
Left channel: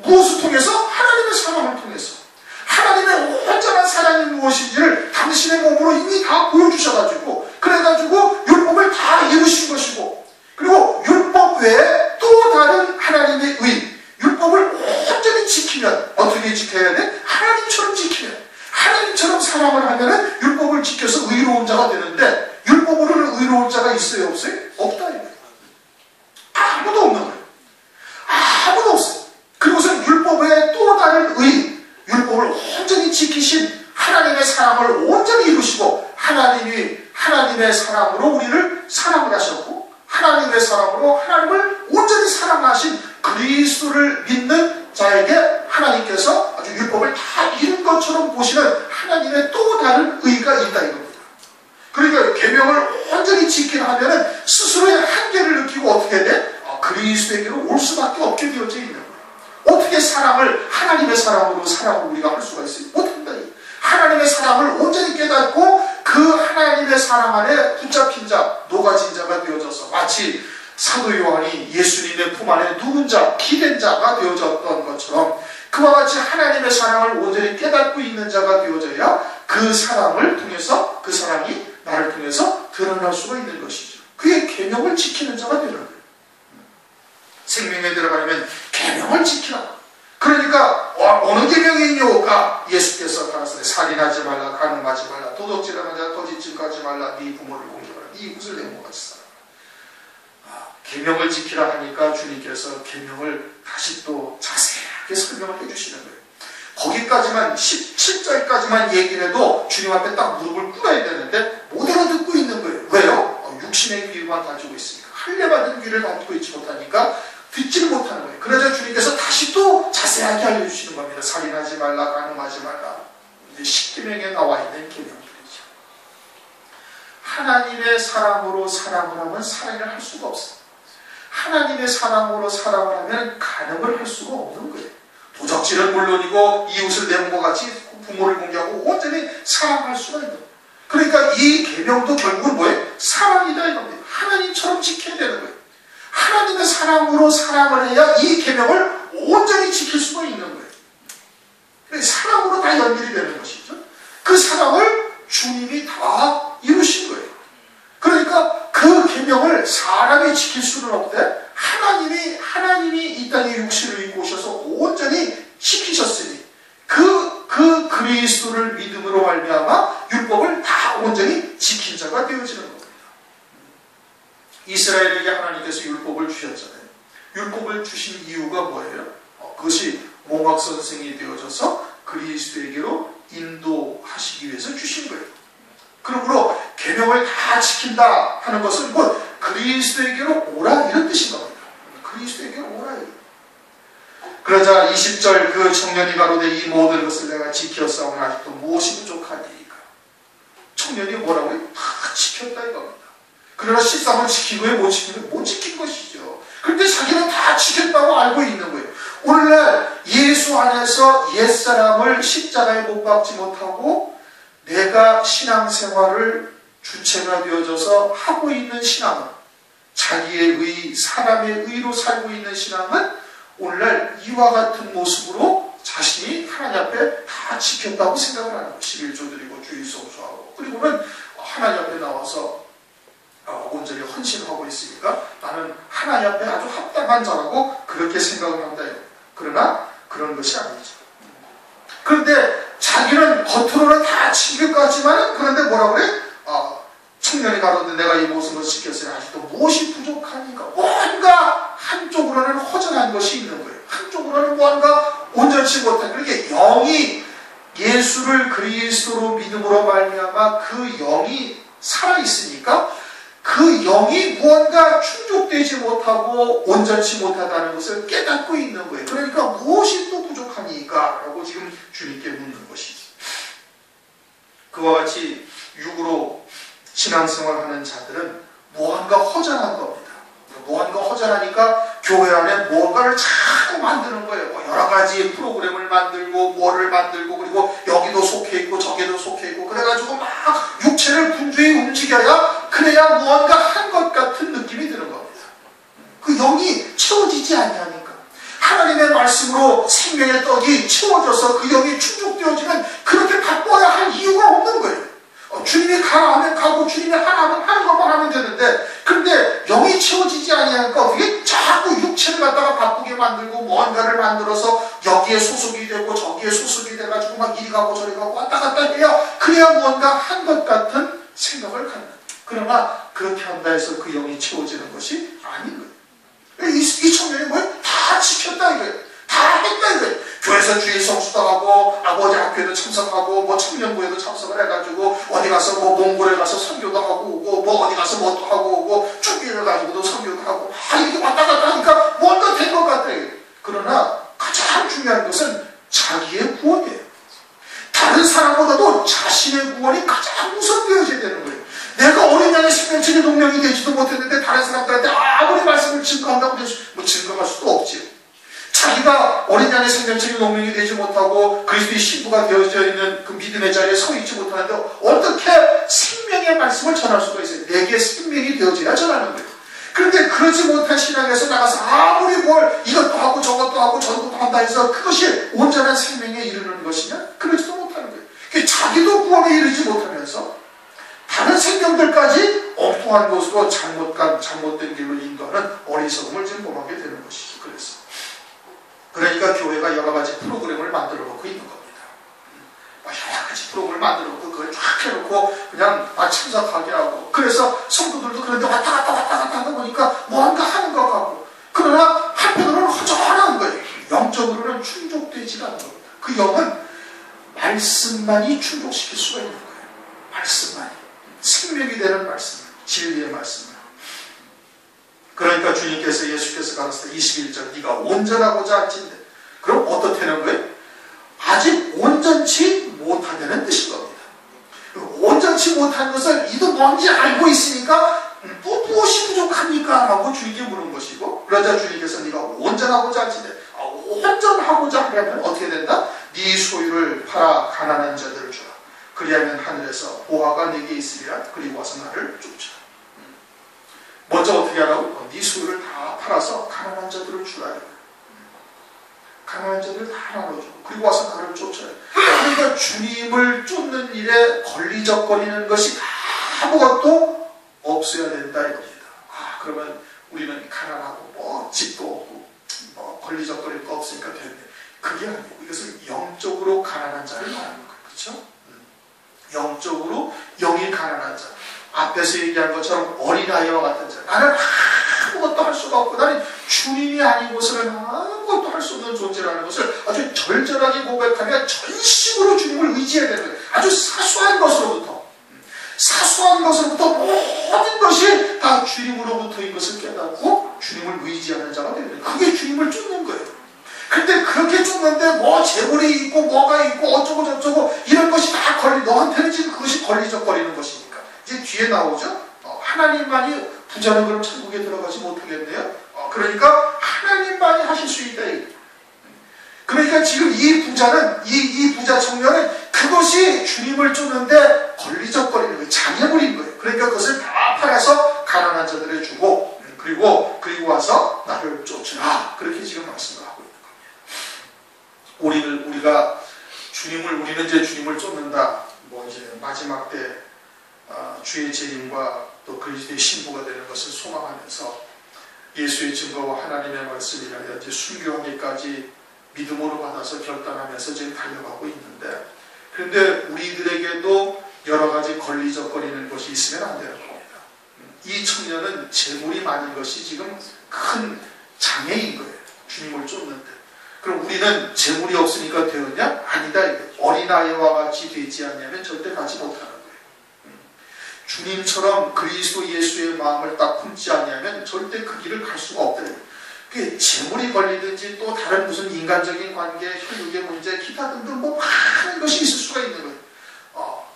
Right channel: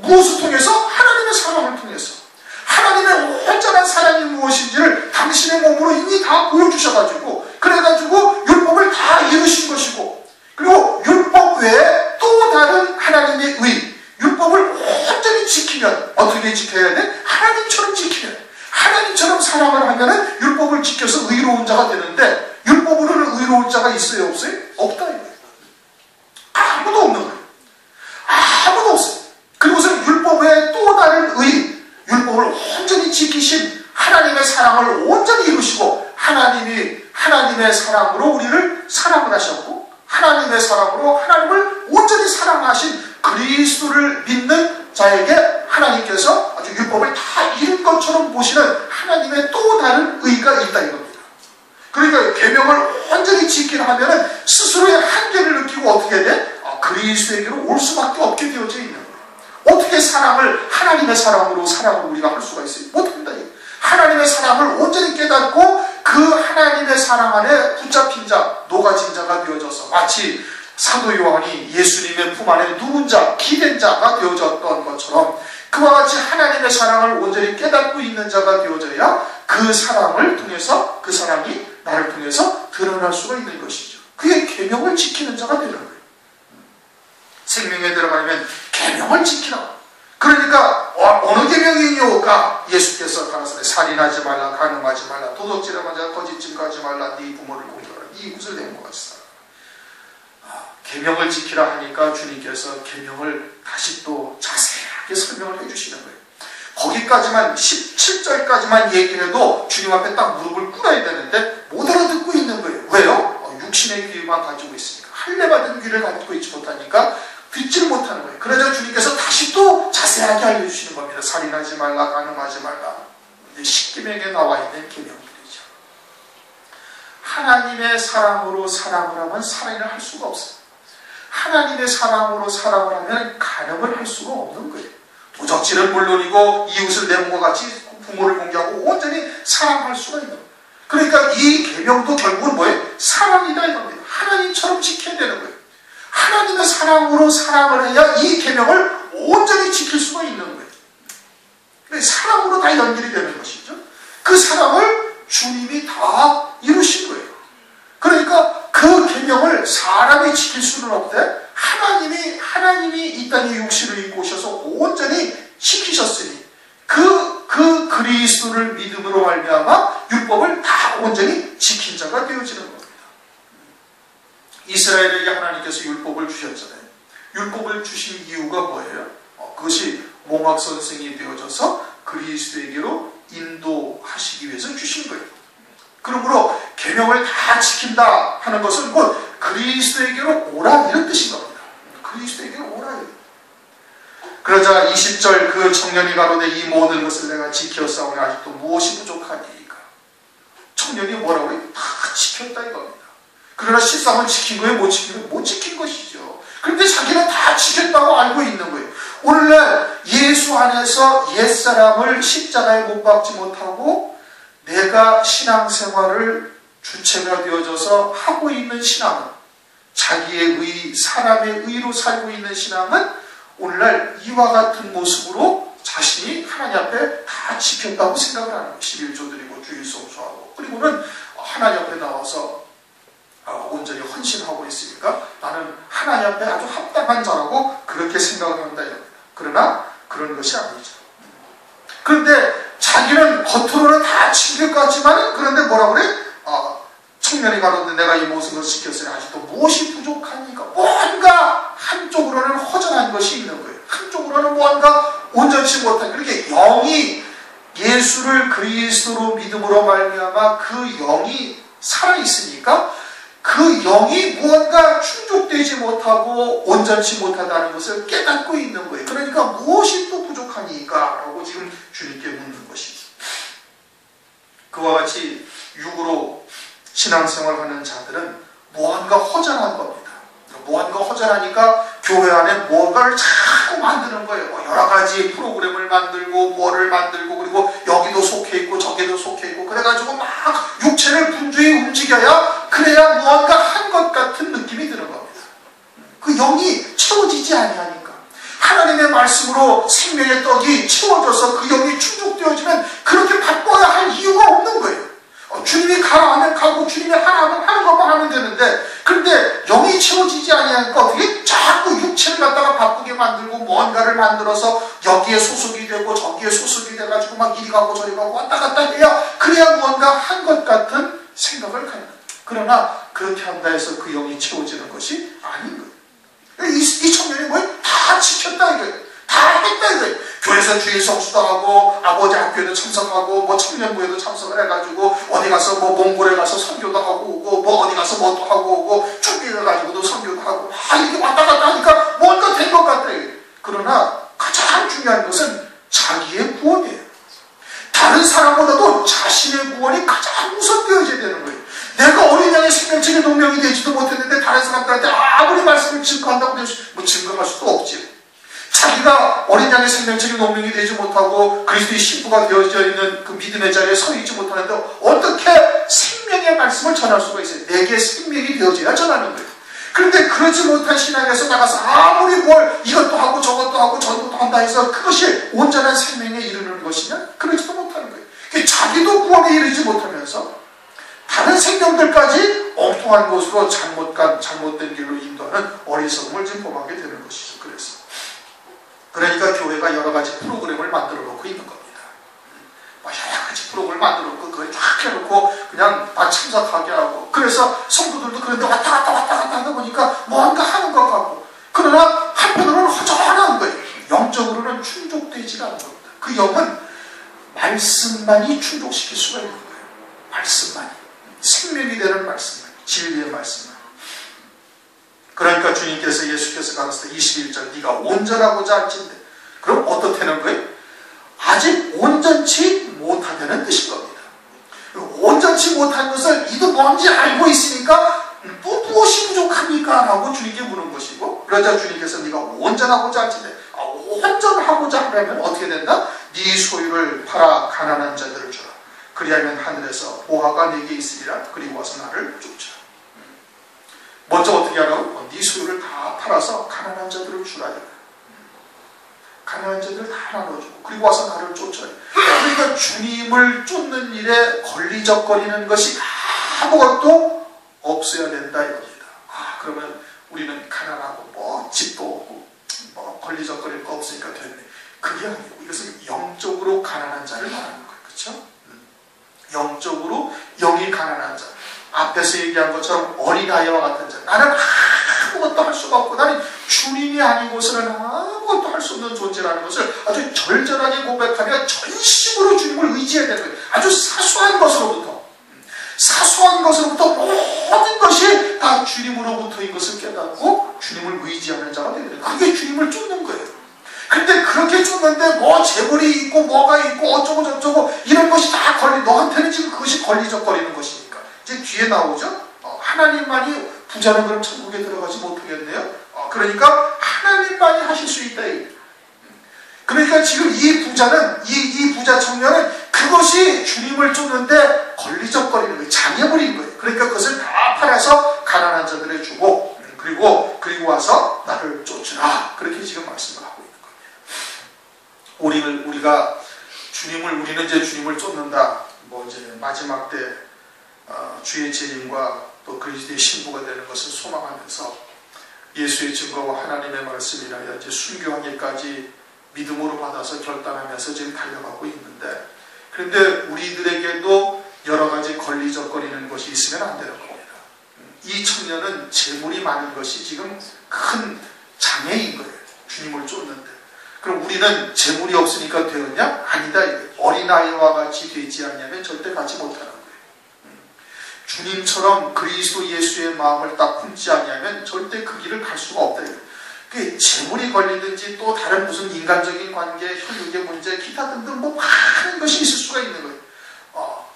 무엇을 통해서? 하나님의 사랑을 통해서. 하나님의 온전한 사랑이 무엇인지를 당신의 몸으로 이미 다 보여주셔가지고 그래가지고 율법을 다 이루신 것이고 그리고 율법 외에 또 다른 하나님의 의 율법을 온전히 지키면 어떻게 지켜야 돼? 하나님처럼 지키면 하나님처럼 사랑을 하면은 율법을 지켜서 의로운 자가 되는데 율법으로는 의로운 자가 있어요? 없어요? 없다 이거예요. 아무도 없는 거예요. 아무도 없어요. 그리고서 율법 외에 또 다른 의 율법을 온전히 지키신 하나님의 사랑을 온전히 이루시고 하나님의 사랑으로 우리를 사랑을 하셨고 하나님의 사랑으로 하나님을 온전히 사랑하신 그리스도를 믿는 자에게 하나님께서 아주 율법을 다 이룬 것처럼 보시는 하나님의 또 다른 의가 있다 이겁니다. 그러니까 계명을 온전히 지키려 하면 스스로의 한계를 느끼고 어떻게 돼? 그리스도에게로 올 수밖에 없게 되어져 있는 거예요. 어떻게 하나님의 사랑으로 사랑을 우리가 할 수가 있어요? 못한다. 하나님의 사랑을 온전히 깨닫고 그 하나님의 사랑 안에 붙잡힌 자, 녹아진 자가 되어져서 마치 사도 요한이 예수님의 품 안에 누운 자, 기댄 자가 되어졌던 것처럼 그와 같이 하나님의 사랑을 온전히 깨닫고 있는 자가 되어져야 그 사랑을 통해서 그 사랑이 나를 통해서 드러날 수가 있는 것이죠. 그의 계명을 지키는 자가 되는 거예요. 생명에 들어가려면 계명을 지키라. 그러니까 어느 계명이뇨가 예수께서 가라사대 살인하지 말라, 간음하지 말라, 도둑질하지 말라, 거짓 증거하지 말라, 네 부모를 공경하라, 네 이웃을 내 몸과 같이 살아. 계명을 지키라 하니까 주님께서 계명을 다시 또 자세하게 설명을 해주시는 거예요. 거기까지만 17절까지만 얘기를 해도 주님 앞에 딱 무릎을 꿇어야 되는데 못 알아듣고 있는 거예요. 왜요? 육신의 귀만 가지고 있으니까, 할례받은 귀를 가지고 있지 못하니까 듣지를 못하는 거예요. 그러자 주님께서 다시 또 자세하게 알려주시는 겁니다. 살인하지 말라, 간음하지 말라. 이제 십계명에 나와 있는 계명들이죠. 하나님의 사랑으로 사랑을 하면 살인을 할 수가 없어요. 하나님의 사랑으로 사랑을 하면 간음을 할 수가 없는 거예요. 도적질은 물론이고 이웃을 내 몸과 같이 부모를 공경하고 온전히 사랑할 수가 있는 거예요. 그러니까 이 계명도 결국은 뭐예요? 사랑이다 이겁니다. 하나님처럼 지켜야 되는 거예요. 하나님의 사랑으로 사랑을 해야 이 계명을 온전히 지킬 수가 있는 거예요. 사랑으로 다 연결이 되는 것이죠. 그 사랑을 주님이 다 이루신 거예요. 그러니까 그 계명을 사람이 지킬 수는 없대. 하나님이 이 땅에 육신을 입고 오셔서 온전히 지키셨으니 그 그리스도를 믿음으로 말미암아 율법을 다 온전히 지킨 자가 되어지는 겁니다. 이스라엘에게 하나님께서 율법을 주셨잖아요. 율법을 주신 이유가 뭐예요? 그것이 몽학 선생이 되어져서 그리스도에게로 인도하시기 위해서 주신 거예요. 그러므로 계명을 다 지킨다 하는 것은 곧 그리스도에게로 오라 이런 뜻인 겁니다. 그리스도에게로 오라. 그러자 20절 그 청년이 가로되 이 모든 것을 내가 지켰사오니 아직도 무엇이 부족하니까. 청년이 뭐라고 해요? 다 지켰다 이겁니다. 그러나 실상은 지킨 거예요? 못 지킨 거예요? 못 지킨 것이죠. 그런데 자기는 다 지켰다고 알고 있는 거예요. 오늘날 예수 안에서 옛사람을 십자가에 못 박지 못하고 내가 신앙생활을 주체가 되어져서 하고 있는 신앙은, 자기의 의, 사람의 의로 살고 있는 신앙은 오늘날 이와 같은 모습으로 자신이 하나님 앞에 다 지켰다고 생각을 하는 거예요. 11조 드리고 주일 성수하고, 그리고는 하나님 앞에 나와서 온전히 헌신하고 있으니까 나는 하나님 앞에 아주 합당한 자라고 그렇게 생각을 한다. 그러나 그런 것이 아니죠. 그런데 자기는 겉으로는 다 지킬 것 같지만, 그런데 뭐라고 그래? 청년이 가로되 내가 이 모든 것을 지켰으니 아직도 무엇이 부족하니까. 뭔가 한쪽으로는 허전한 것이 있는 거예요. 한쪽으로는 뭔가 온전치 못한, 그렇게 영이 예수를 그리스도로 믿음으로 말미암아 그 영이 살아있으니까 그 영이 무언가 충족되지 못하고 온전치 못하다는 것을 깨닫고 있는 거예요. 그러니까 무엇이 또 부족하니까? 라고 지금 주님께 묻는 것이죠. 그와 같이 육으로 신앙생활하는 자들은 무언가 허전한 겁니다. 무언가 허전하니까 교회 안에 무언가를 자꾸 만드는 거예요. 여러 가지 프로그램을 만들고 뭐를 만들고, 그리고 여기도 속해 있고 저기도 속해 있고, 그래가지고 막 육체를 분주히 움직여야 그래야 무언가 한 것 같은 느낌이 드는 겁니다. 그 영이 채워지지 아니하니까. 하나님의 말씀으로 생명의 떡이 채워져서 그 영이 충족되어지면 그렇게 바꿔야 할 이유가 없는 거예요. 주님이 가라 하면 가고, 주님이 하라 하면 하는 것만 하면 되는데, 그런데 영이 채워지지 아니하니까 어떻게 자꾸 육체를 갖다가 바꾸게 만들고 뭔가를 만들어서 여기에 소속이 되고 저기에 소속이 돼가지고 막 이리 가고 저리 가고 왔다 갔다 해야 그래야 뭔가 한 것 같은 생각을 갖는 거예요. 그러나 그렇게 한다 해서 그 영이 채워지는 것이 아닌 거예요. 이 청년이 뭐예요? 다 지켰다 이거예요. 다 했다 이거예요. 교회에서 주일 성수도 하고, 아버지 학교에도 참석하고, 뭐 청년부에도 참석을 해가지고, 어디 가서 뭐 몽골에 가서 선교도 하고 오고, 뭐 어디 가서 뭐도 하고 오고, 쭈기를 가지고도 선교도 하고, 이렇게 왔다 갔다 하니까 뭔가 된 것 같아요. 그러나 가장 중요한 것은 자기의 구원이에요. 다른 사람보다도 자신의 구원이 가장 우선되어져야 되는 거예요. 내가 어린 양의 생명체의 동력이 되지도 못했는데 다른 사람들한테 아무리 말씀을 증거한다고 뭐 증거할 수도 없지. 자기가 어린 양의 생명체의 동력이 되지 못하고 그리스도의 신부가 되어져 있는 그 믿음의 자리에 서 있지 못하는데 어떻게 생명의 말씀을 전할 수가 있어요? 내게 생명이 되어져야 전하는 거예요. 그런데 그러지 못한 신앙에서 나가서 아무리 뭘 이것도 하고 저것도 하고 저것도 한다 해서 그것이 온전한 생명에 이르는 것이면 그러지도 못하는 거예요. 자기도 구원에 이르지 못하면서 다른 생명들까지 엉뚱한 엉뚱한 곳으로 잘못된 길로 인도하는 어리석음을 지금 범하게 되는 것이죠. 그러니까 교회가 여러 가지 프로그램을 만들어 놓고 있는 겁니다. 여러 가지 프로그램을 만들어 놓고 그걸 쫙 해놓고 그냥 참석하게 하고, 그래서 성도들도 그런데 왔다 갔다 하다 보니까 뭔가 하는 것 같고, 그러나 한편으로는 허전한 거예요. 영적으로는 충족되지가 않는 겁니다. 그 영은 말씀만이 충족시킬 수가 있는 거예요. 말씀만이. 생명이 되는 말씀, 진리의 말씀만. 그러니까 주님께서, 예수께서 가르쳤을 때 21절, 네가 온전하고자 할진대. 그럼 어떻다는 거예요? 아직 온전치 못하다는 뜻인 겁니다. 온전치 못한 것을 이도 뭔지 알고 있으니까 또 무엇이 부족합니까? 라고 주님께 물은 것이고, 그러자 주님께서 네가 온전하고자 할진대. 온전하고자 하려면 어떻게 된다? 네 소유를 팔아 가난한 자들을 주라. 그리하면 하늘에서 보화가 네게 있으리라. 그리고 와서 나를 쫓으라. 먼저 어떻게 하라고? 네 소유를 다 팔아서 가난한 자들을 주라. 가난한 자들 다 나눠주고 그리고 와서 나를 쫓아야 돼. 그러니까 주님을 쫓는 일에 걸리적거리는 것이 아무것도 없어야 된다 이겁니다. 그러면 우리는 가난하고 뭐 집도 없고 뭐 걸리적거릴 거 없으니까 됐네. 그게 아니고 이것은 영적으로 가난한 자를 말하는 거예요. 그렇죠? 영적으로 영이 가난한 자. 앞에서 얘기한 것처럼 어린아이와 같은 자. 나는 아무것도 할 수가 없고 나는 주님이 아니고서는 아무것도 할 수 없는 존재라는 것을 아주 절절하게 고백하며 전심으로 주님을 의지해야 되는 거예요. 아주 사소한 것으로부터 모든 것이 다 주님으로부터인 것을 깨닫고 주님을 의지하는 자가 되는 거예요. 그게 주님을 쫓는 거예요. 근데 그렇게 쫓는데 뭐 재물이 있고 뭐가 있고 어쩌고 저쩌고 이런 것이 다 너한테는 지금 그것이 걸리적거리는 것이니까 이제 뒤에 나오죠. 하나님만이 부자는 그럼 천국에 들어가지 못하겠네요. 그러니까 하나님만이 하실 수 있다. 그러니까 지금 이 부자는 이 부자 청년은 그것이 주님을 쫓는데 걸리적거리는 거예요. 장애물인 거예요. 그러니까 그것을 다 팔아서 가난한 자들에 주고 그리고 와서 나를 쫓으라. 그렇게 지금 말씀을 하고 있는 거예요. 우리는 이제 주님을 쫓는다. 뭐 이제 마지막 때 주의 재림과 또 그리스도의 신부가 되는 것을 소망하면서 예수의 증거와 하나님의 말씀이라야 이제 순교하기까지 믿음으로 받아서 결단하면서 지금 달려가고 있는데, 그런데 우리들에게도 여러 가지 걸리적거리는 것이 있으면 안 되는 겁니다. 이 청년은 재물이 많은 것이 지금 큰 장애인 거예요. 주님을 쫓는데. 그럼 우리는 재물이 없으니까 되었냐? 아니다. 어린아이와 같이 되지 않냐면 절대 가지 못하는 거예요. 주님처럼 그리스도 예수의 마음을 딱 품지 않냐면 절대 그 길을 갈 수가 없다. 그게 재물이 걸리든지 또 다른 무슨 인간적인 관계, 혈육의 문제, 기타 등등 뭐 많은 것이 있을 수가 있는 거예요.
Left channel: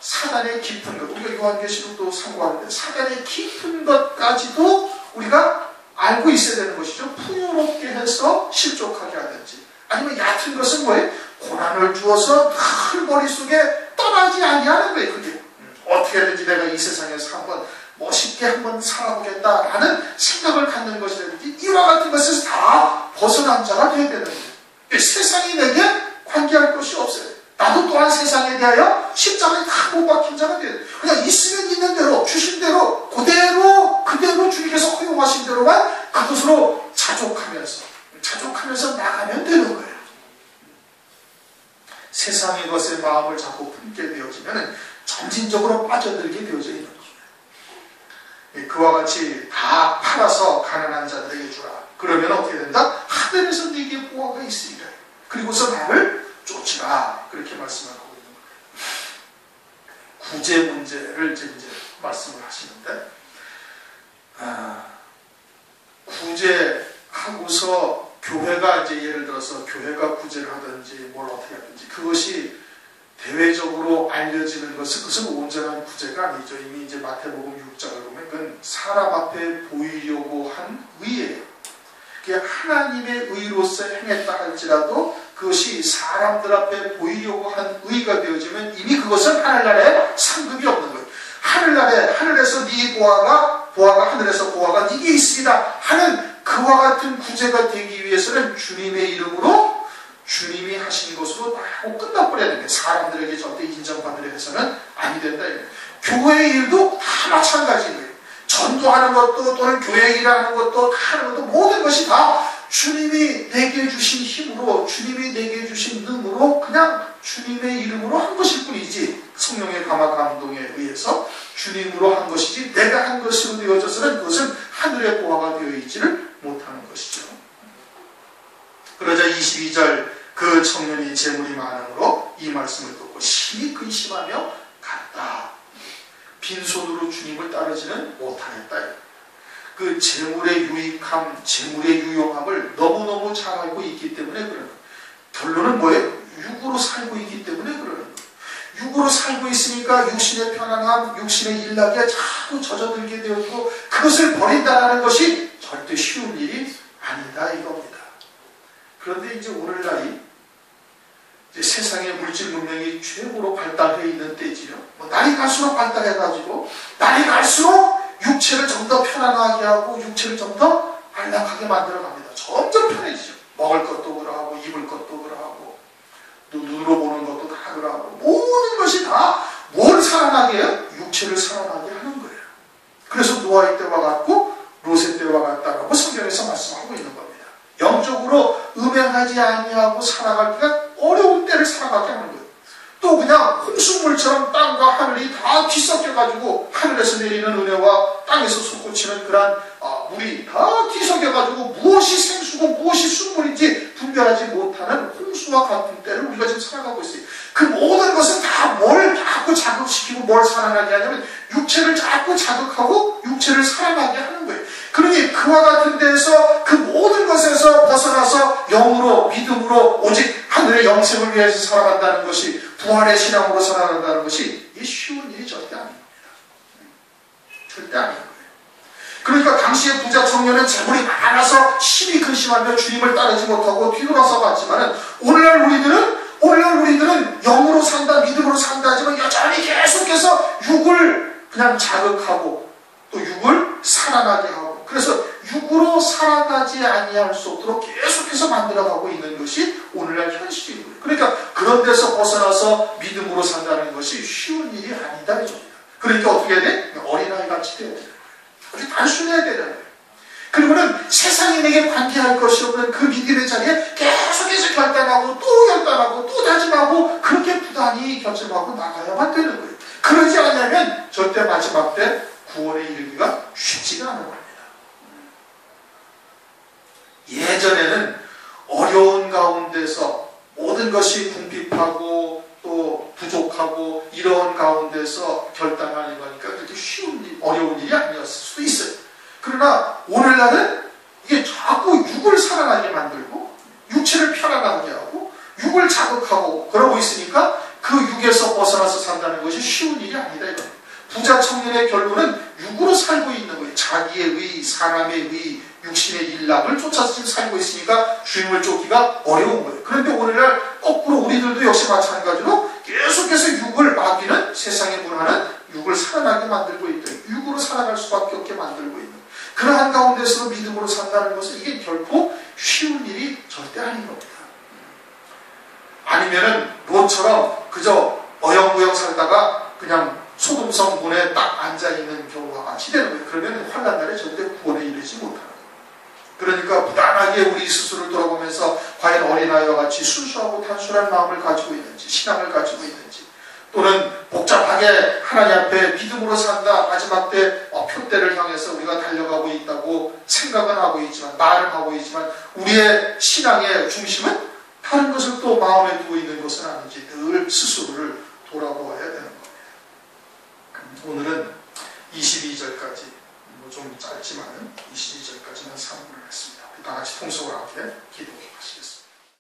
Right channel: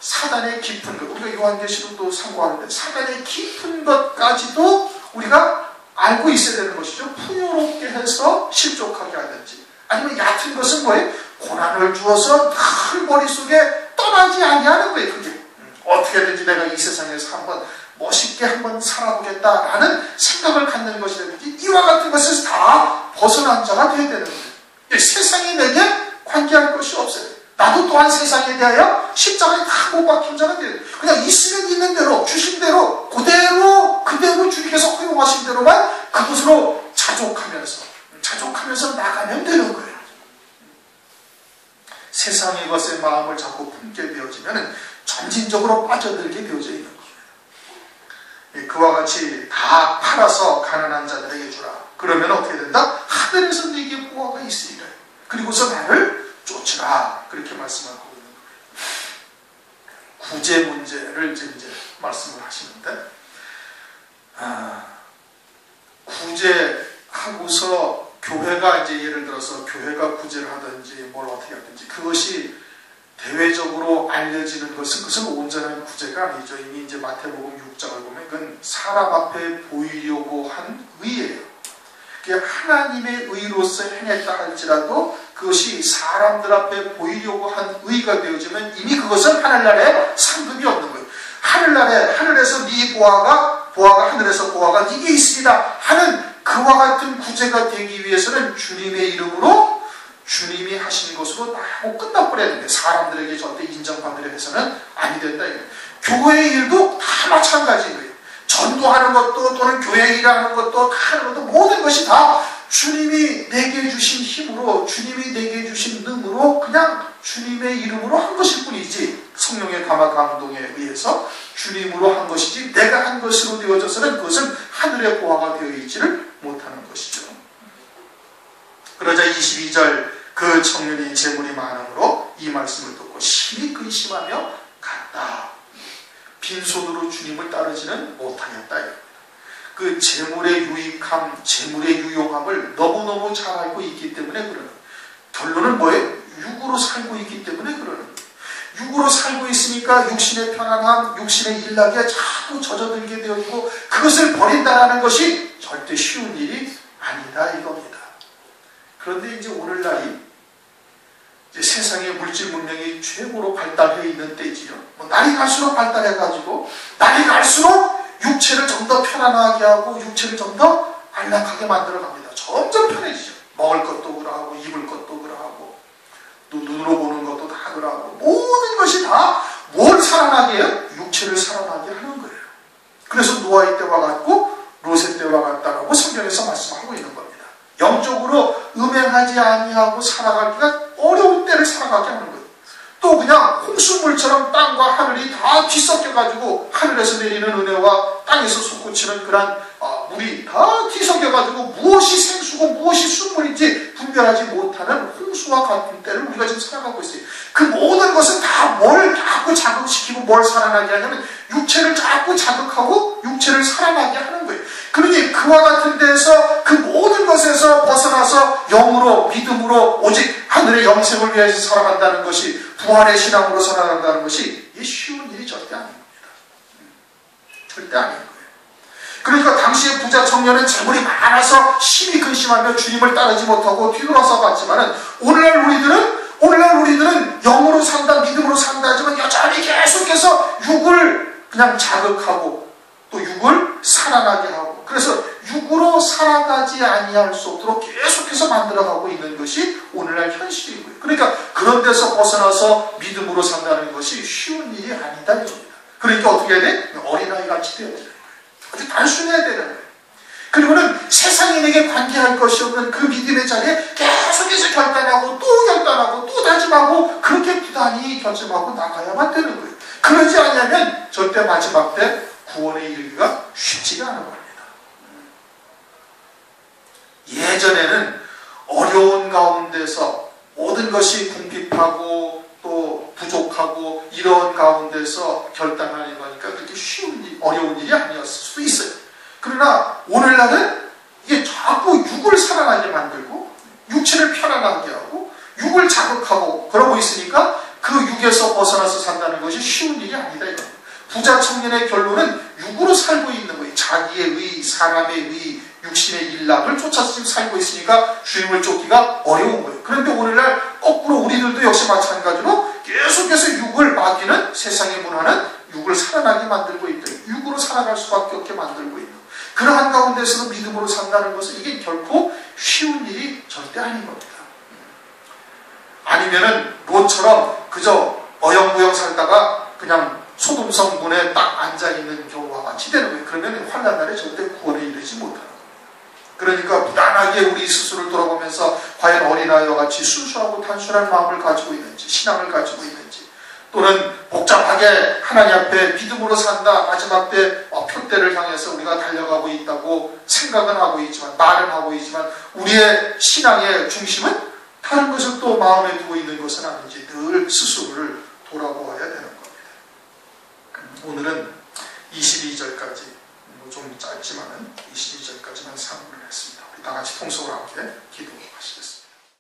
사단의 깊은 것, 우리가 요한계시록도 상고하는데 사단의 깊은 것까지도 우리가 알고 있어야 되는 것이죠. 풍요롭게 해서 실족하게 하든지, 아니면 얕은 것은 뭐예요? 고난을 주어서 늘 머릿속에 떠나지 아니하는 거예요. 그게 어떻게든지 내가 이 세상에서 한번 멋있게 한번 살아보겠다라는 생각을 갖는 것이라든지, 이와 같은 것에서 다 벗어난 자가 되어야 되는 거예요. 세상이 내게 관계할 것이 없어요. 나도 또한 세상에 대하여 십자가에 다 못 박힌 자가 되어야 돼요. 그냥 있으면 있는 대로, 주신 대로, 그대로 주님께서 허용하신 대로만 그것으로 자족하면서 나가면 되는 거예요. 세상의 것에 마음을 자꾸 품게 되어지면 점진적으로 빠져들게 되어져 있는 거예요. 그와 같이 다 팔아서 가난한 자들에게 주라. 그러면 어떻게 된다? 하늘에서 네게 보화가 있으리라. 그리고서 나를 쫓으라. 그렇게 말씀하고 있는 거예요. 구제 문제를 이제 말씀을 하시는데, 구제하고서 교회가 이제 예를 들어서 교회가 구제를 하든지 뭘 어떻게 하든지 그것이 대외적으로 알려지는 것은 그것은 온전한 구제가 아니죠. 이미 이제 마태복음 6장을 보면 그건 사람 앞에 보이려고 한 의예요. 그게 하나님의 의로서 행했다 할지라도 그것이 사람들 앞에 보이려고 한 의가 되어지면 이미 그것은 하늘나라에 상급이 없는 거예요. 하늘에서 네 보아가 하늘에서 보아가 네게 있으리라 하는 그와 같은 구제가 되기 위해서는 주님의 이름으로 주님이 하신 것으로 다 하고 끝나버려야 됩니다. 사람들에게 절대 인정받으려 해서는 아니 된다. 교회의 일도 다 마찬가지인 거예요. 전도하는 것도 또는 교회 일하는 것도 하는 것도 모든 것이 다 주님이 내게 주신 힘으로 주님이 내게 주신 능으로 그냥 주님의 이름으로 한 것일 뿐이지 성령의 감화 감동에 의해서 주님으로 한 것이지 내가 한 것으로 되어져서는 그것은 하늘의 보화가 되어 있지를 못하는 것이죠. 그러자 22절 그 청년이 재물이 많음으로 이 말씀을 듣고 심히 근심하며 갔다. 빈손으로 주님을 따르지는 못하겠다. 그 재물의 유익함, 재물의 유용함을 너무너무 잘 알고 있기 때문에 그러는 거예요. 결론은 뭐예요? 육으로 살고 있기 때문에 그러는 거예요. 육으로 살고 있으니까 육신의 편안함, 육신의 일락에 자꾸 젖어들게 되었고 그것을 버린다는 것이 절대 쉬운 일이 아니다 이겁니다. 그런데 이제 오늘날이 이제 세상의 물질 문명이 최고로 발달해 있는 때지요. 날이 갈수록 발달해가지고 날이 갈수록 육체를 좀 더 편안하게 하고 육체를 좀 더 안락하게 만들어 갑니다. 점점 편해지죠. 먹을 것도 그러하고 입을 것도 그러하고 또 눈으로 보는 것도 다 그러하고 모든 것이 다 뭘 살아나게 해요? 육체를 살아나게 하는 거예요. 그래서 노아의 때와 같고 롯의 때와 같다라고 성경에서 말씀하고 있는 겁니다. 영적으로 음행하지 아니하고 살아가기가 어려운 때를 살아가게 하는 거예요. 또 그냥 홍수물처럼 땅과 하늘이 다 뒤섞여가지고 하늘에서 내리는 은혜와 땅에서 솟구치는 그런 물이 다 뒤섞여가지고 무엇이 생수고 무엇이 순물인지 분별하지 못하는 홍수와 같은 때를 우리가 지금 살아가고 있어요. 그 모든 것은 다 뭘 자꾸 자극시키고 뭘 살아나게 하냐면 육체를 자꾸 자극하고 육체를 살아나게 하는 거예요. 그러니 그와 같은 데에서 그 모든 것에서 벗어나서 영으로 믿음으로 오직 하늘의 영생을 위해서 살아간다는 것이 부활의 신앙으로 살아간다는 것이 이 쉬운 일이 절대 아닙니다. 절대 아닌 거예요. 그러니까 당시의 부자 청년은 재물이 많아서 심히 근심하며 주님을 따르지 못하고 뒤돌아서 갔지만은 오늘날 우리들은 영으로 산다, 믿음으로 산다 하지만 여전히 계속해서 육을 그냥 자극하고 또 육을 살아나게 하고 그래서 육으로 살아나지 아니할 수 없도록 계속해서 만들어가고 있는 것이 오늘날 현실이고요. 그러니까 그런 데서 벗어나서 믿음으로 산다는 것이 쉬운 일이 아니다 이겁니다. 그러니까 어떻게 해야 돼? 어린아이 같이 되어야 돼요. 아주 단순해야 되는 거예요. 그리고는 세상이 내게 관계할 것이 없는 그 믿음의 자리에 계속해서 결단하고 또 결단하고 또 다짐하고 그렇게 부단히 결심하고 나가야만 되는 거예요. 그러지 않으면 절대 마지막 때 구원에 이르기가 쉽지가 않은 겁니다. 예전에는 어려운 가운데서 모든 것이 궁핍하고 또 부족하고 이런 가운데서 결단하는 거니까 그렇게 쉬운 일, 어려운 일이 아니었을 수도 있어요. 그러나 오늘날은 이게 자꾸 육을 살아나게 만들고 육체를 편안하게 하고 육을 자극하고 그러고 있으니까 그 육에서 벗어나서 산다는 것이 쉬운 일이 아니다. 부자 청년의 결론은 육으로 살고 있는 거예요. 자기의 의, 사람의 의, 육신의 일락을 쫓아서 지금 살고 있으니까 주님을 쫓기가 어려운 거예요. 그런데 오늘날 거꾸로 우리들도 역시 마찬가지로 계속해서 육을 맡기는 세상의 문화는 육을 살아나게 만들고 있다. 육으로 살아갈 수밖에 없게 만들고 있는 그러한 가운데서도 믿음으로 산다는 것은 이게 결코 쉬운 일이 절대 아닌 겁니다. 아니면은 롯처럼 그저 어영부영 살다가 그냥 소금 성분에 딱 앉아있는 경우와 같이 되는 거예요. 그러면 환난날에 절대 구원에 이르지 못하는 거예요. 그러니까 부단하게 우리 스스로를 돌아보면서 과연 어린아이와 같이 순수하고 단순한 마음을 가지고 있는지 신앙을 가지고 있는지 또는 복잡하게 하나님 앞에 믿음으로 산다 마지막 때 표대를 향해서 우리가 달려가고 있다고 생각은 하고 있지만 말은 하고 있지만 우리의 신앙의 중심은 다른 것을 또 마음에 두고 있는 것은 아닌지 늘 스스로를 돌아보아야 되는 겁니다. 오늘은 22절까지 좀 짧지만 22절까지만 상고를 했습니다. 다 같이 통속으로 함께 기도하시겠습니다.